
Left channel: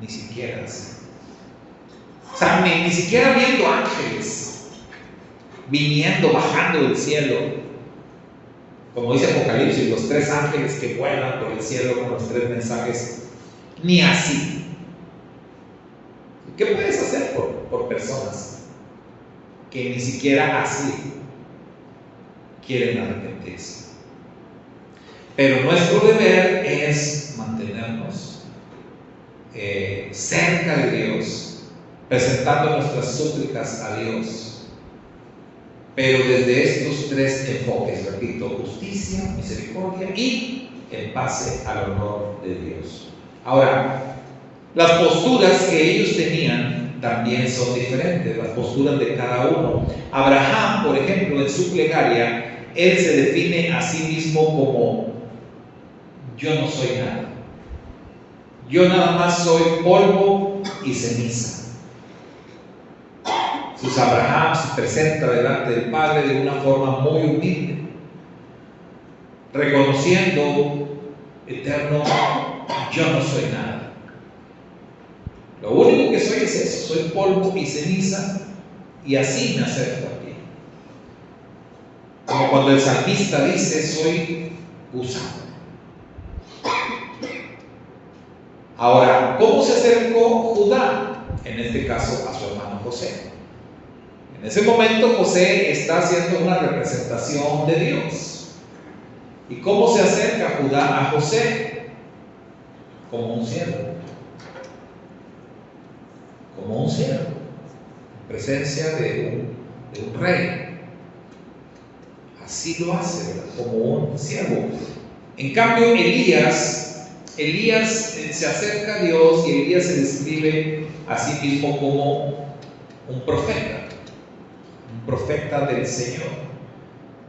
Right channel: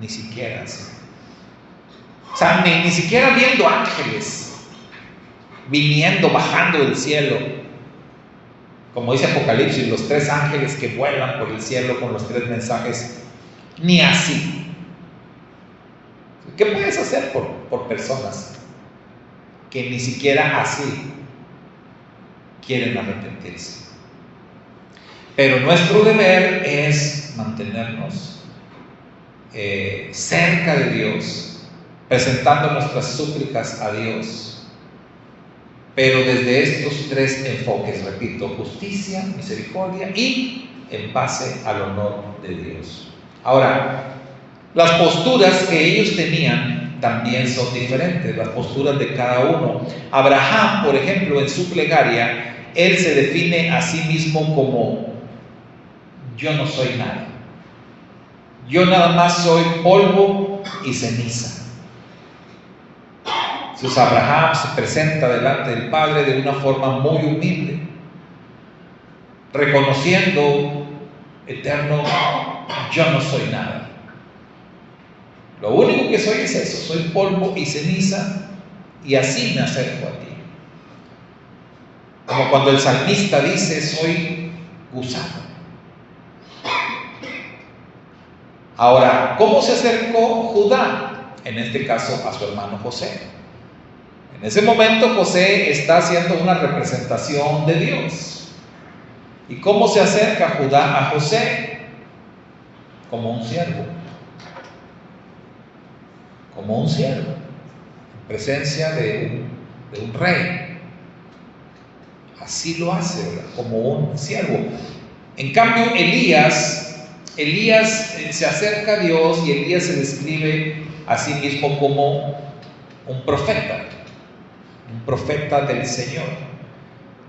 Ni siquiera así. O sea, ni siquiera viendo ángeles viniendo, bajando del cielo, como dice Apocalipsis, los 3 ángeles que vuelan por el cielo con los 3 mensajes, ni así. ¿Qué puedes hacer por personas que ni siquiera así quieren arrepentirse? Pero nuestro deber es mantenernos cerca de Dios, presentando nuestras súplicas a Dios, pero desde estos 3 enfoques, repito: justicia, misericordia y en base al honor de Dios. Ahora, las posturas que ellos tenían también son diferentes, las posturas de cada uno. Abraham, por ejemplo, en su plegaria, él se define a sí mismo como: yo no soy nada. Yo nada más soy polvo y ceniza. Entonces Abraham se presenta delante del Padre de una forma muy humilde, reconociendo: Eterno, yo no soy nada. Lo único que soy es eso, soy polvo y ceniza, y así me acerco a ti. Como cuando el salmista dice: soy gusano. Ahora, ¿cómo se acercó Judá? En este caso, a su hermano José. En ese momento, José está haciendo una representación de Dios. ¿Y cómo se acerca Judá a José? Como un siervo. Como un siervo, en presencia de un rey. Así lo hace, ¿verdad? Como un siervo. En cambio, Elías se acerca a Dios, y Elías se describe a sí mismo como un profeta del Señor.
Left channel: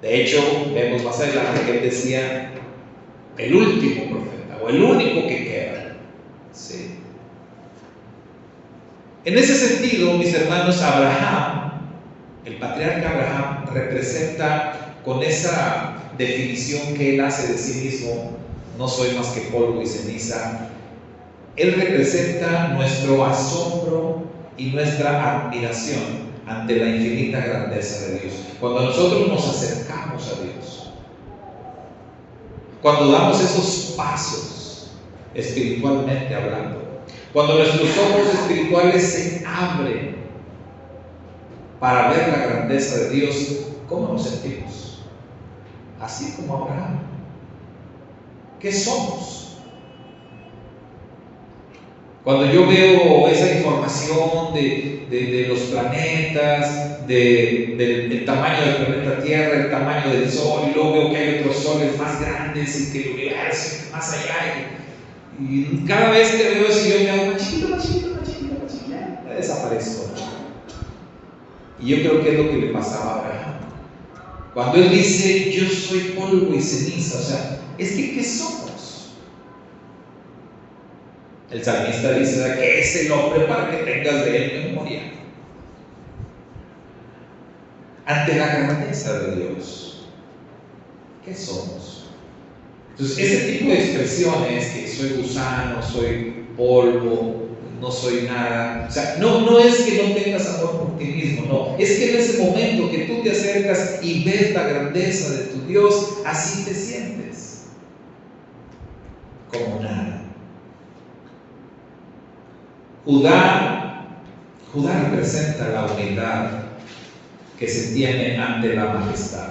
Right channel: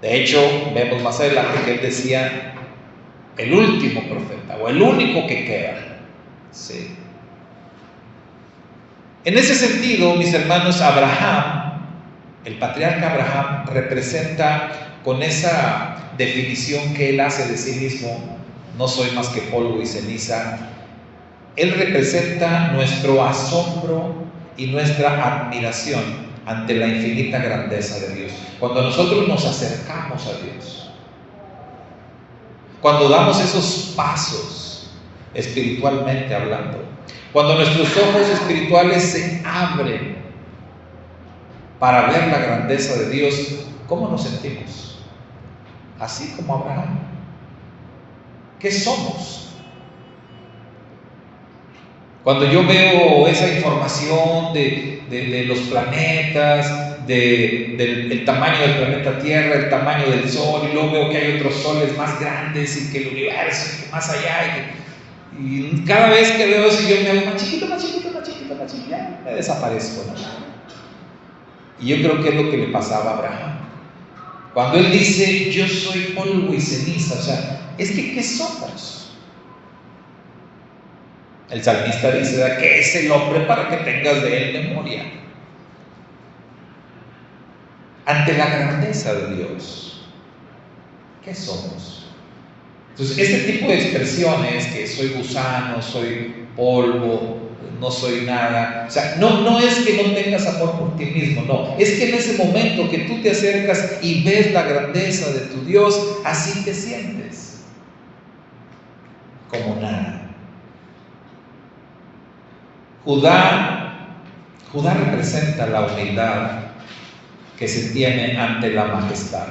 De hecho, vemos más adelante que él decía: el último profeta, o el único que queda. ¿Sí? En ese sentido, mis hermanos, Abraham El patriarca Abraham representa, con esa definición que él hace de sí mismo, no soy más que polvo y ceniza, él representa nuestro asombro y nuestra admiración ante la infinita grandeza de Dios. Cuando nosotros nos acercamos a Dios, cuando damos esos pasos espiritualmente hablando, cuando nuestros ojos espirituales se abren para ver la grandeza de Dios, ¿cómo nos sentimos? Así como Abraham. ¿Qué somos? Cuando yo veo esa información de los planetas, del tamaño del planeta Tierra, el tamaño del Sol, y luego veo que hay otros soles más grandes y que el universo, y más allá, y cada vez que veo eso yo me hago más chiquito, me desaparezco, ¿no? Y yo creo que es lo que le pasaba a Abraham. Cuando él dice, yo soy polvo y ceniza, o sea, es que ¿qué somos? El salmista dice, ¿qué es el hombre para que tengas de él memoria? Ante la grandeza de Dios, ¿qué somos? Entonces, ese tipo de expresiones, que soy gusano, soy polvo, no soy nada, o sea, no es que no tengas amor por ti mismo, no, es que en ese momento que tú te acercas y ves la grandeza de tu Dios, así te sientes, como nada. Judá representa la humildad que se tiene ante la majestad.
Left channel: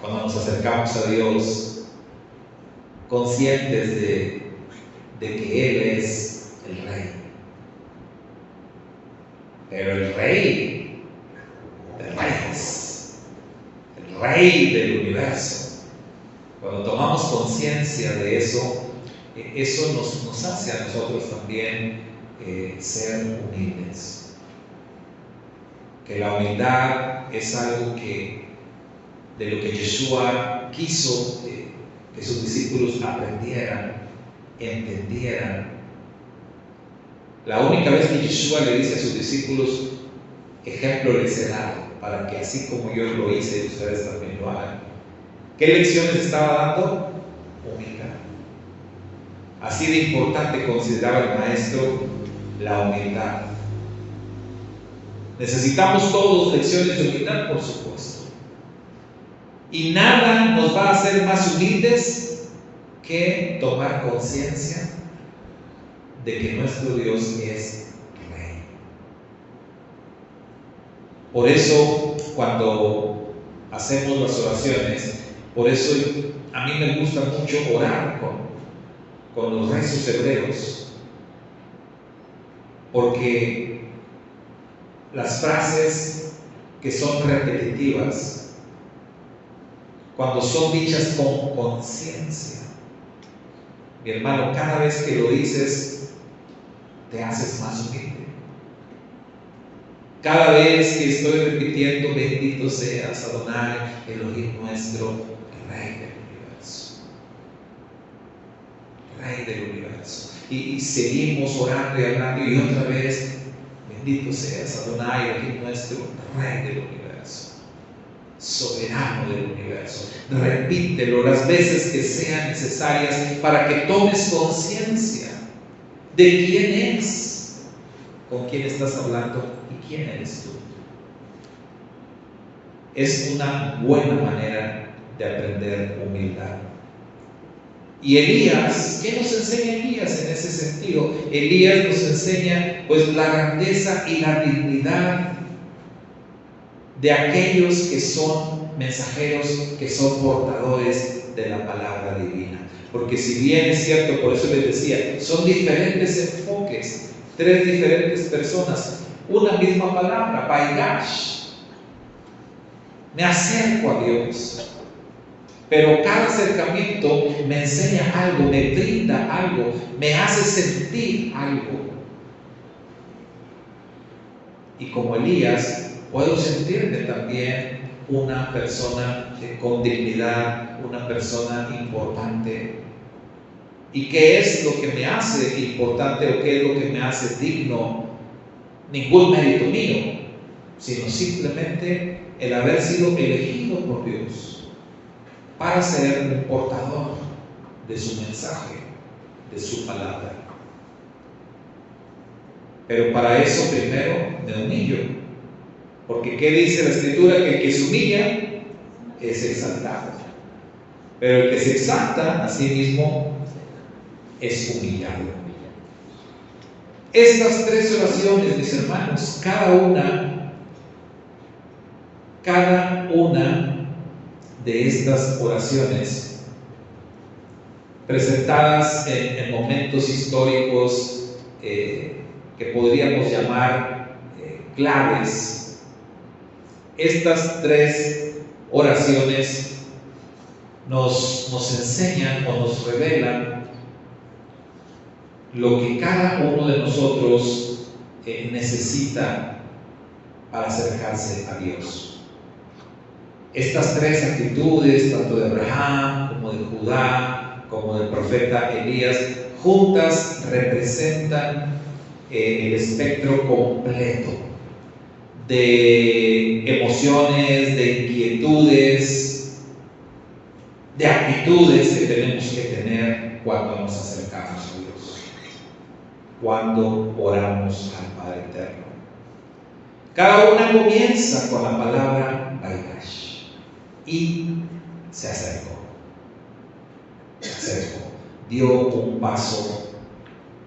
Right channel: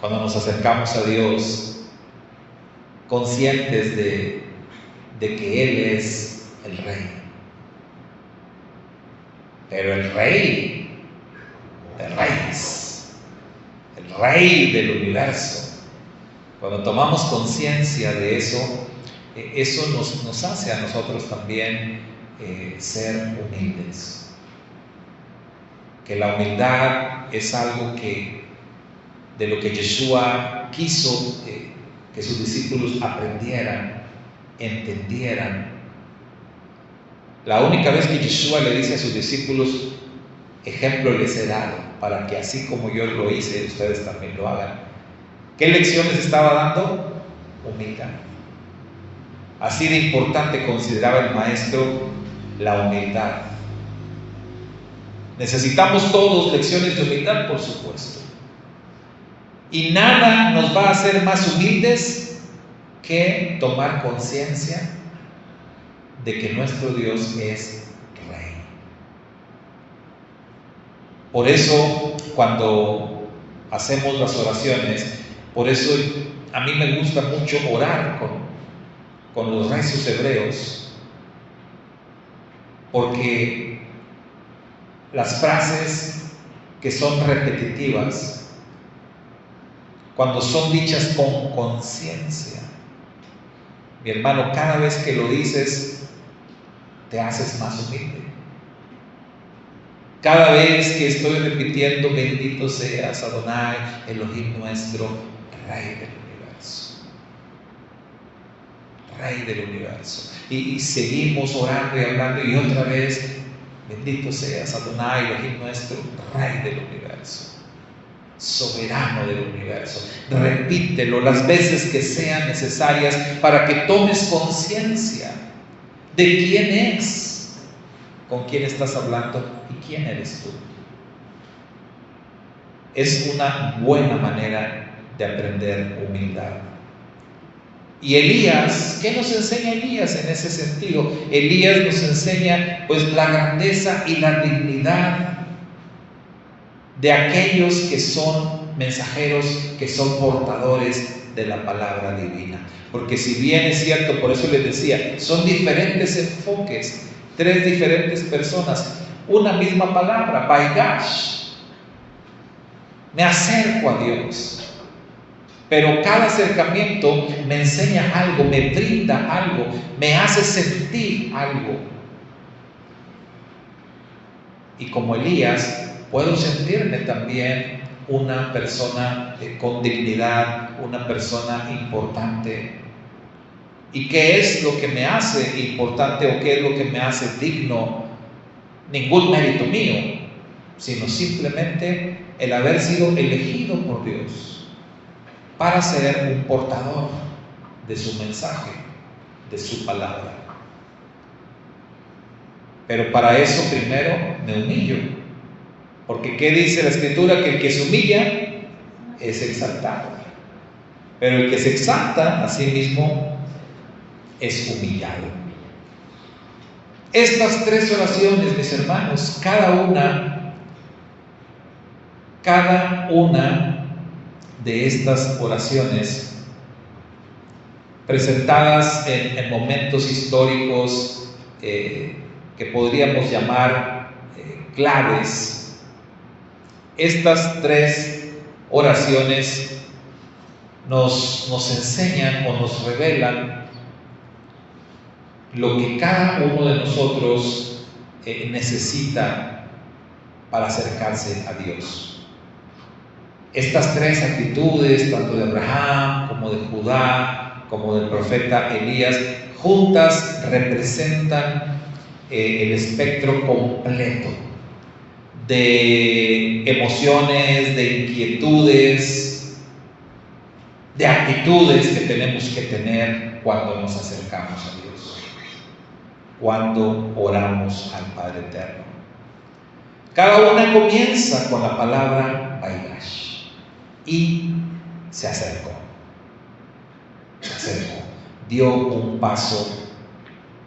Cuando nos acercamos a Dios, conscientes de que Él es el Rey. Pero el Rey de Reyes, el Rey del universo. Cuando tomamos conciencia de eso, eso nos hace a nosotros también ser humildes. Que la humildad es algo de lo que Yeshua quiso que sus discípulos aprendieran, entendieran. La única vez que Yeshua le dice a sus discípulos, ejemplo les he dado, para que así como yo lo hice, ustedes también lo hagan. ¿Qué lecciones estaba dando? Humildad. Así de importante consideraba el maestro la humildad. Necesitamos todos lecciones de humildad, por supuesto. Y nada nos va a hacer más humildes que tomar conciencia de que nuestro Dios es Rey. Por eso, cuando hacemos las oraciones, por eso a mí me gusta mucho orar con los rezos hebreos, porque las frases que son repetitivas, cuando son dichas con conciencia, mi hermano, cada vez que lo dices, te haces más humilde. Cada vez que estoy repitiendo, bendito seas Adonai, Elohim nuestro, Rey del universo. Rey del universo. Y seguimos orando y orando, y otra vez, bendito seas Adonai, Elohim nuestro, Rey del universo, soberano del universo. Repítelo las veces que sean necesarias para que tomes conciencia de quién es, con quién estás hablando y quién eres tú. Es una buena manera de aprender humildad. Y Elías, ¿qué nos enseña Elías en ese sentido? Elías nos enseña pues la grandeza y la dignidad de aquellos que son mensajeros, que son portadores de la palabra divina. Porque si bien es cierto, por eso les decía, son diferentes enfoques, tres diferentes personas, una misma palabra, Baigash. Me acerco a Dios. Pero cada acercamiento me enseña algo, me brinda algo, me hace sentir algo. Y como Elías, puedo sentirme también una persona con dignidad, una persona importante. ¿Y qué es lo que me hace importante o qué es lo que me hace digno ningún mérito mío, sino simplemente el haber sido elegido por Dios para ser un portador de su mensaje, de su palabra. Pero para eso primero me humillo, porque ¿qué dice la Escritura? Que el que se humilla es exaltado, pero el que se exalta a sí mismo es humillado. Estas tres oraciones, mis hermanos, cada una de estas oraciones presentadas en momentos históricos que podríamos llamar claves, estas tres oraciones nos enseñan o nos revelan lo que cada uno de nosotros necesita para acercarse a Dios. Estas tres actitudes, tanto de Abraham como de Judá, como del profeta Elías, juntas representan el espectro completo de emociones, de inquietudes, de actitudes que tenemos que tener cuando nos acercamos a Dios, cuando oramos al Padre Eterno. Cada una comienza con la palabra Vaigash y se acercó, dio un paso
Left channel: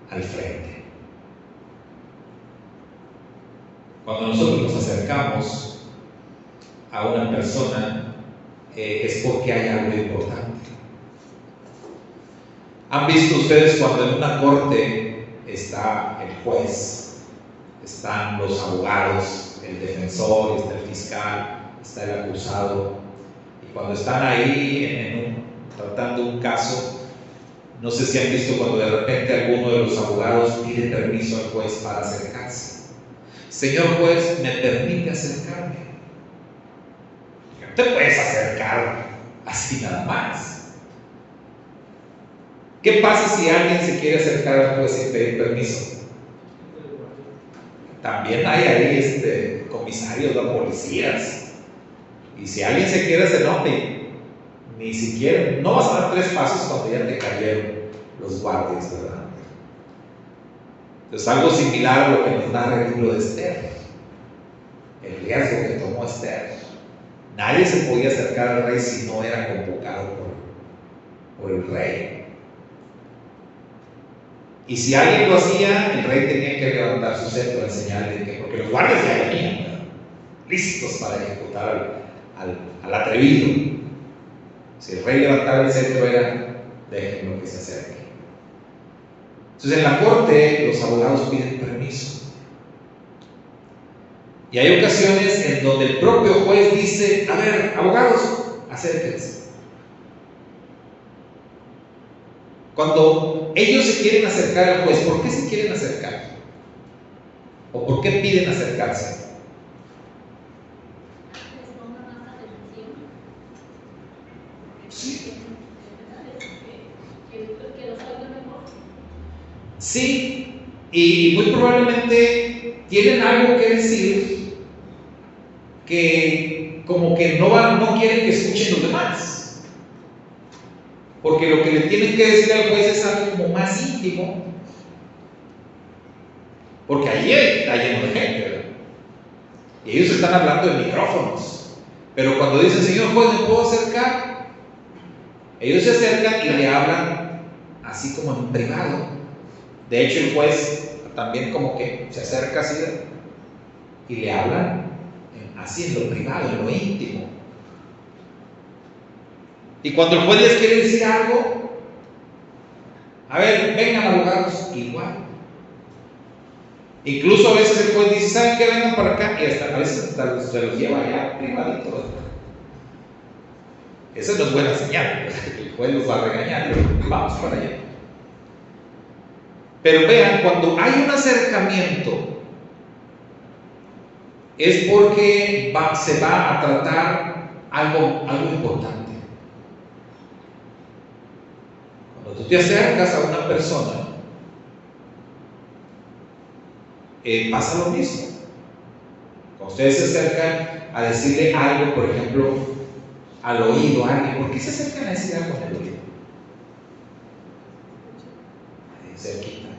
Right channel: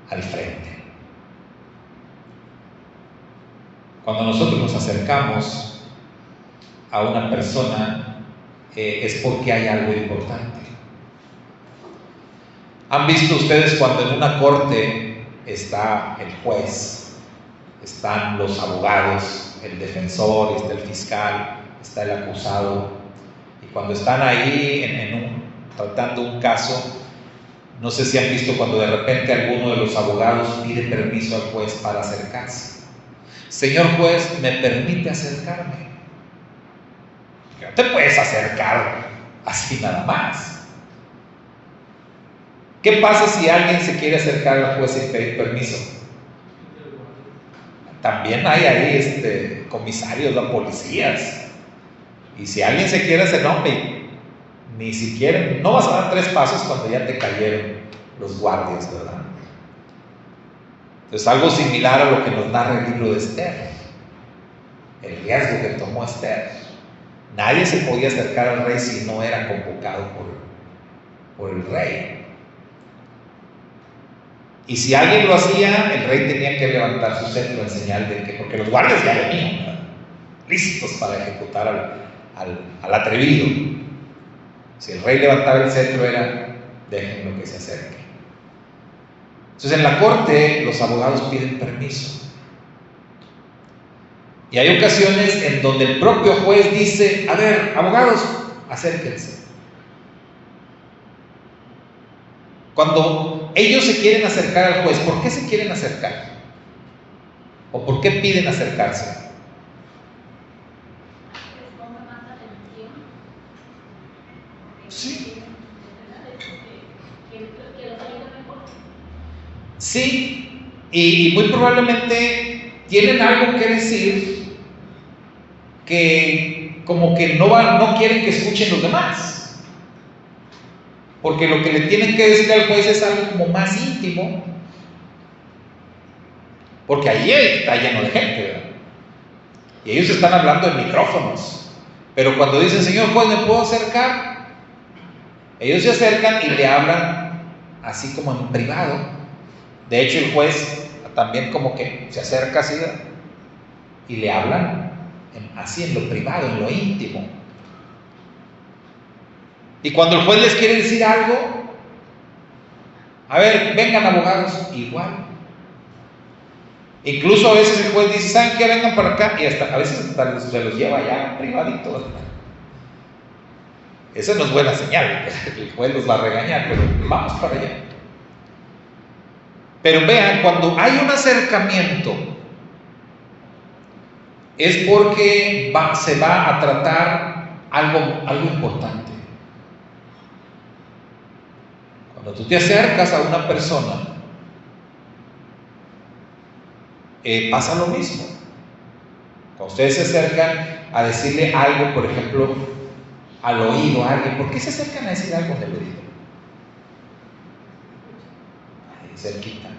al frente. Cuando nosotros nos acercamos a una persona es porque hay algo importante. ¿Han visto ustedes cuando en una corte está el juez, están los abogados, el defensor, está el fiscal, está el acusado, y cuando están ahí tratando un caso, no sé si han visto cuando de repente alguno de los abogados pide permiso al juez para acercarse? Señor juez, ¿me permite acercarme? No te puedes acercar así nada más. ¿Qué pasa si alguien se quiere acercar al juez sin pedir permiso? También hay ahí comisarios, los policías. Y si alguien se quiere hacer, no, ni siquiera, no vas a dar 3 pasos cuando ya te cayeron los guardias, ¿verdad? Entonces, algo similar a lo que nos narra el libro de Esther, el riesgo que tomó Esther. Nadie se podía acercar al rey si no era convocado por el rey. Y si alguien lo hacía, el rey tenía que levantar su cetro en señal de que, porque los guardias ya venían, listos para ejecutar al atrevido. Si el rey levantaba el cetro era, déjenlo que se acerque. Entonces en la corte los abogados piden permiso. Y hay ocasiones en donde el propio juez dice, a ver, abogados, acérquense. Cuando ellos se quieren acercar al juez, ¿por qué se quieren acercar? ¿O por qué piden acercarse? Sí. Sí, y muy probablemente tienen algo que decir que como que no quieren que escuchen los demás, porque lo que le tienen que decir al juez es algo como más íntimo, porque allí está lleno de gente, ¿verdad? Y ellos están hablando en micrófonos, pero cuando dicen, señor juez, ¿me puedo acercar? Ellos se acercan y le hablan así como en privado. De hecho, el juez también como que se acerca así y le hablan así en lo privado, en lo íntimo. Y cuando el juez les quiere decir algo, a ver, vengan abogados, igual. Incluso a veces el juez dice, ¿saben qué? Vengan para acá, y a veces hasta se los lleva ya privadito. Esa no es buena señal, el juez los va a regañar, pero vamos para allá. Pero vean, cuando hay un acercamiento, es porque se va a tratar algo importante. Cuando tú te acercas a una persona, pasa lo mismo. Cuando ustedes se acercan a decirle algo, por ejemplo, al oído a alguien, ¿por qué se acercan a decir algo en el oído? Ahí cerquita.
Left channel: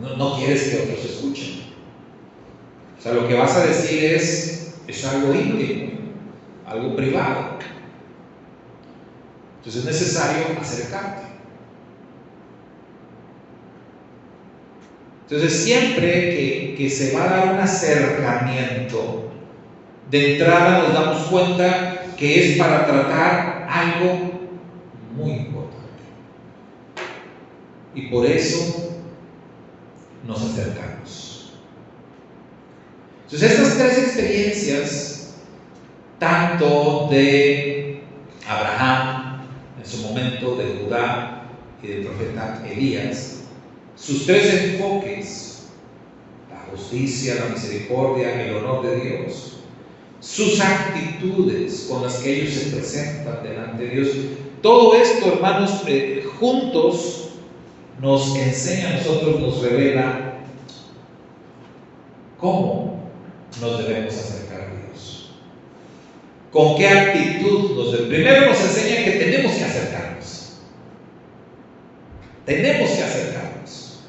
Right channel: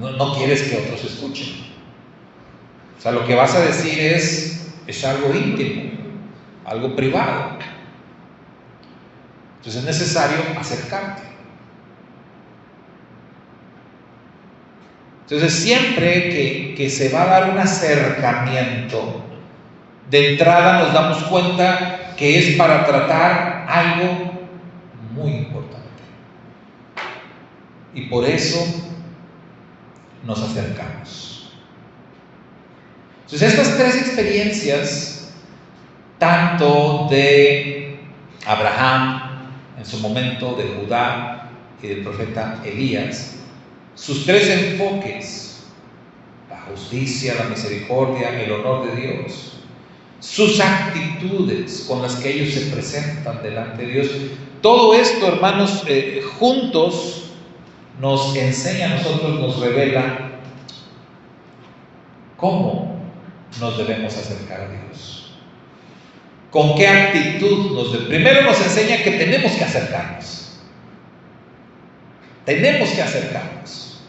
No quieres que otros escuchen. O sea, lo que vas a decir es algo íntimo, algo privado. Entonces es necesario acercarte. Entonces siempre que se va a dar un acercamiento, de entrada nos damos cuenta que es para tratar algo muy importante. Y por eso nos acercamos. Entonces estas tres experiencias, tanto de Abraham en su momento, de Judá y del profeta Elías, sus tres enfoques, la justicia, la misericordia, el honor de Dios, sus actitudes con las que ellos se presentan delante de Dios, todo esto, hermanos, juntos nos enseña a nosotros, nos revela cómo nos debemos acercar a Dios. ¿Con qué actitud? Primero nos enseña que tenemos que acercarnos. Tenemos que acercarnos.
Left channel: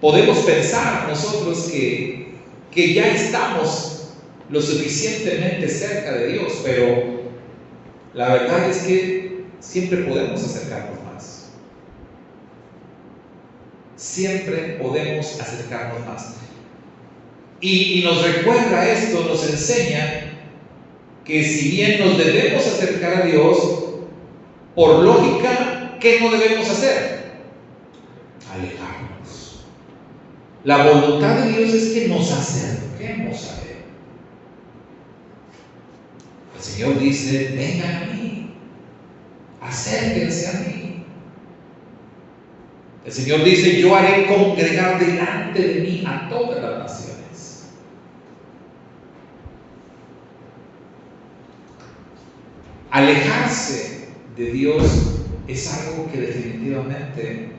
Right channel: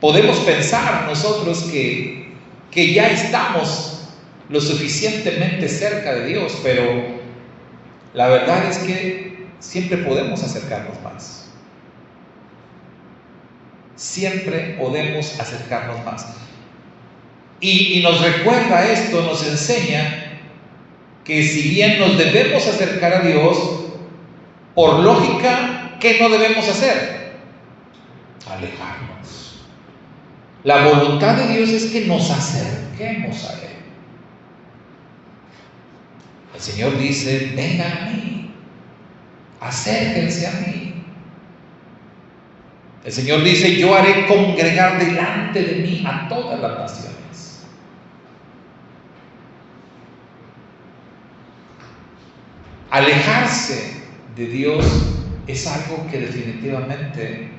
Podemos pensar nosotros que ya estamos lo suficientemente cerca de Dios, pero la verdad es que siempre podemos acercarnos más. Siempre podemos acercarnos más. Y nos recuerda esto, nos enseña que si bien nos debemos acercar a Dios, por lógica, ¿qué no debemos hacer? Alejarnos. La voluntad de Dios es que nos acerquemos a Él. El Señor dice: vengan a mí, acérquense a mí. El Señor dice: yo haré congregar delante de mí a todas las naciones. Alejarse de Dios es algo que definitivamente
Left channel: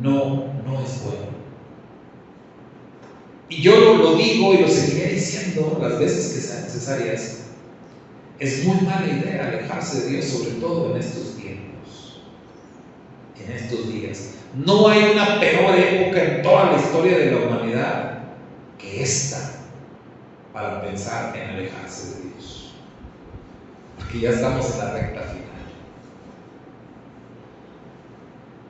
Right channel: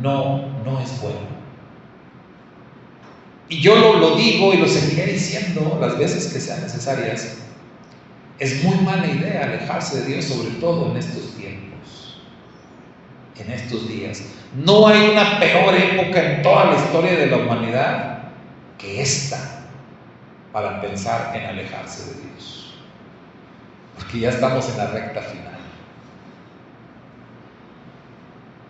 no es bueno. Y yo lo digo y lo seguiré diciendo las veces que sean necesarias. Es muy mala idea alejarse de Dios, sobre todo en estos tiempos, en estos días. No hay una peor época en toda la historia de la humanidad que esta para pensar en alejarse de Dios, porque ya estamos en la recta final.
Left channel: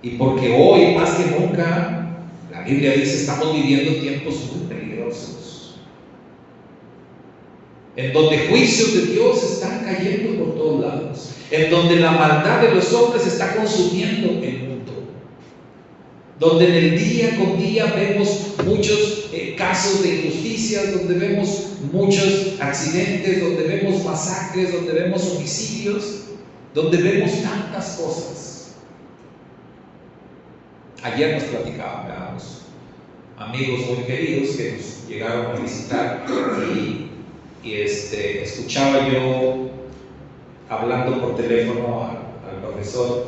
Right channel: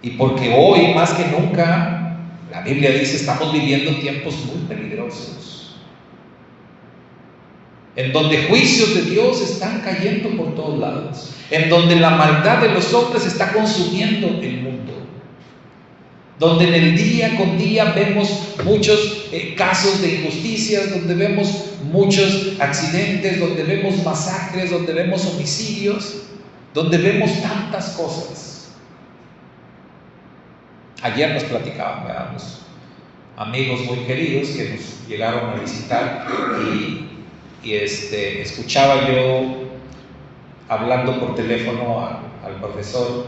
Y porque hoy, más que nunca, la Biblia dice, estamos viviendo tiempos muy peligrosos, en donde juicios de Dios están cayendo por todos lados, en donde la maldad de los hombres está consumiendo el mundo, donde en el día con día vemos muchos casos de injusticias, donde vemos muchos accidentes, donde vemos masacres, donde vemos homicidios, donde vemos tantas cosas. Ayer nos platicaban, veamos, amigos muy queridos que nos llegaron a visitar y escuchaba yo hablando por teléfono al profesor,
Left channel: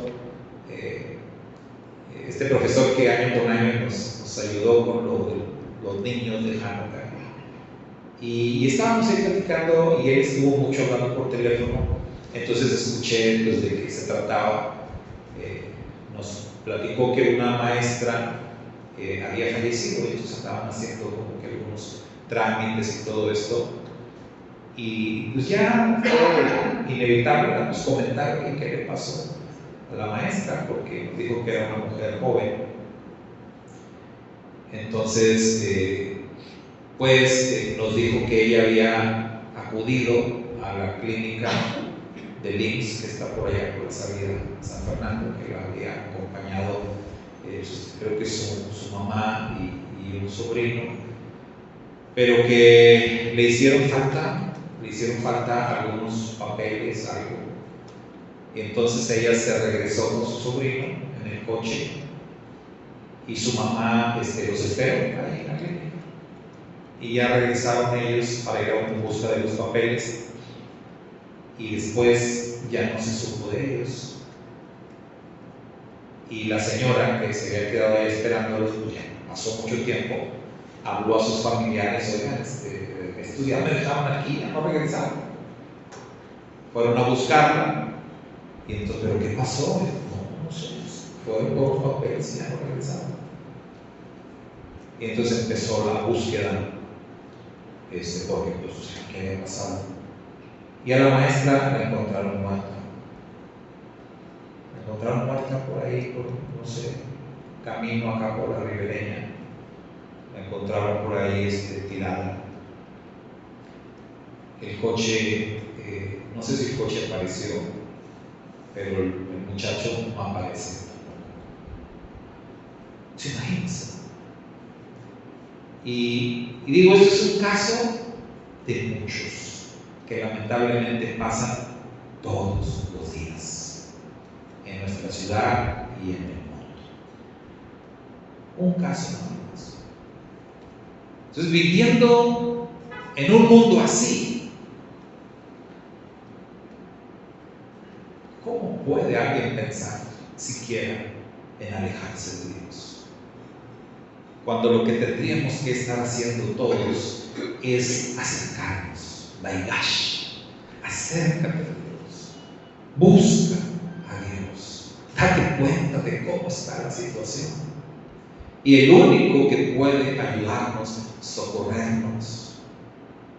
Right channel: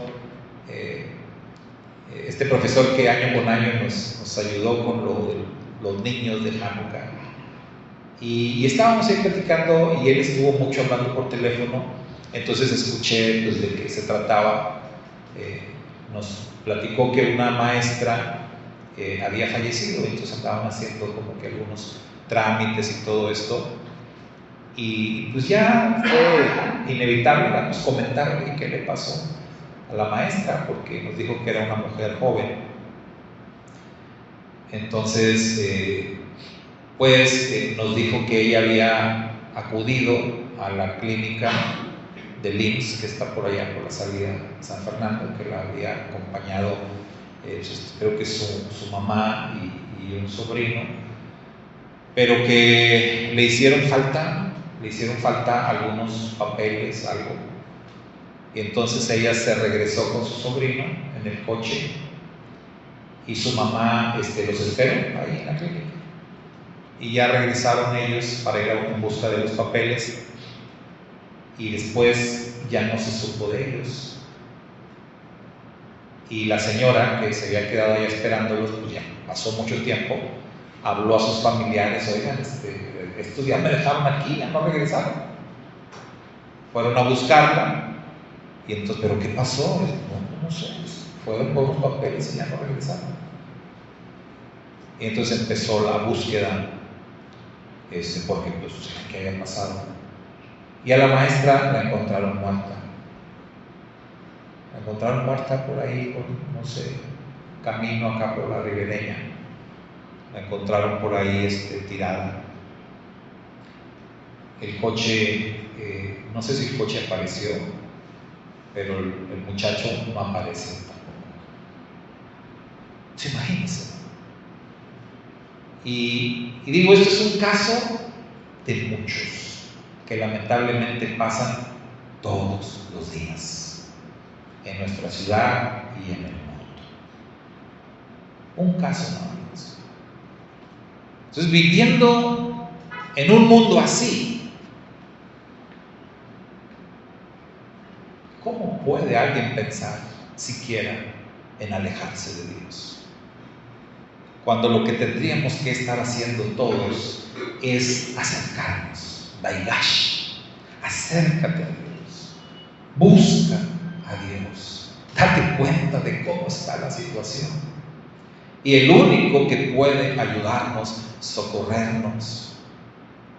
este profesor que año con año nos ayudó con lo de los niños de Hanukkah, y estábamos ahí platicando y él estuvo mucho hablando por teléfono. Entonces escuché pues, de qué se trataba. Nos platicó que una maestra había fallecido, y entonces andaban haciendo como que algunos trámites y todo esto, y pues ya fue inevitable, vamos a comentar qué le pasó a la maestra, porque nos dijo que era una mujer joven. Entonces nos dijo que ella había acudido a la clínica del IMSS, que está por allá por la salida de San Fernando, que la había acompañado, creo que su mamá y un sobrino, pero que le hicieron falta algunos papeles, algo. Y entonces ella se regresó con su sobrino en el coche, y su mamá los esperó ahí en la clínica, y ya regresaron ellos para ir en busca de los papeles, y después ya no se supo de ellos. Y la señora que se había quedado ahí esperándolos, pues ya pasó mucho tiempo, habló a sus familiares: oigan, estos días me dejaron aquí, ya no regresaron. Fueron a buscarla, y entonces, ¿pero qué pasó? No sé, fueron por los papeles y ya no regresaron. Y entonces empezó la búsqueda, porque pues, ¿qué había pasado? Y a la maestra la encontraron muerta. La encontraron muerta por ahí, por, no sé, camino acá por la Ribereña. La encontraron por ahí tirada. El coche, no sé si el coche apareció, pero el muchacho no aparece tampoco. ¿Se imaginan? Y digo, esto es un caso de muchos que lamentablemente pasan todos los días en nuestra ciudad y en el mundo. Un caso nada más. Entonces, viviendo en un mundo así, ¿cómo puede alguien pensar siquiera en alejarse de Dios? Cuando lo que tendríamos que estar haciendo todos es acercarnos. Daigash, acércate a Dios, busca a Dios, date cuenta de cómo está la situación. Y el único que puede ayudarnos, socorrernos,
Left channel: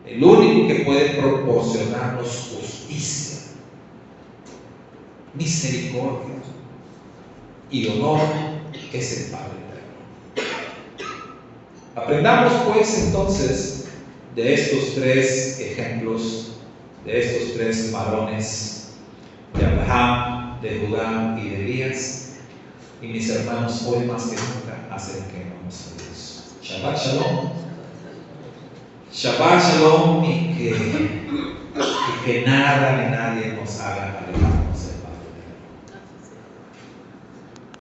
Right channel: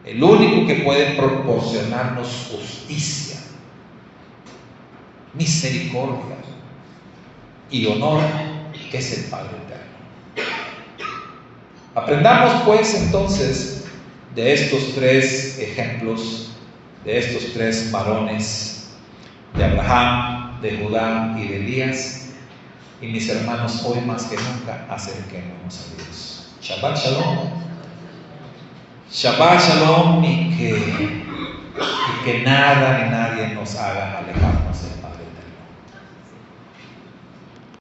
el único que puede proporcionarnos justicia, misericordia y honor es el Padre eterno. Aprendamos pues entonces de estos tres ejemplos, de estos tres varones, de Abraham, de Judá y de Elías. Y mis hermanos, hoy más que nunca, acerquémonos a Dios. Shabbat Shalom. Shabbat Shalom, y que nada ni nadie nos haga alejarnos del Padre.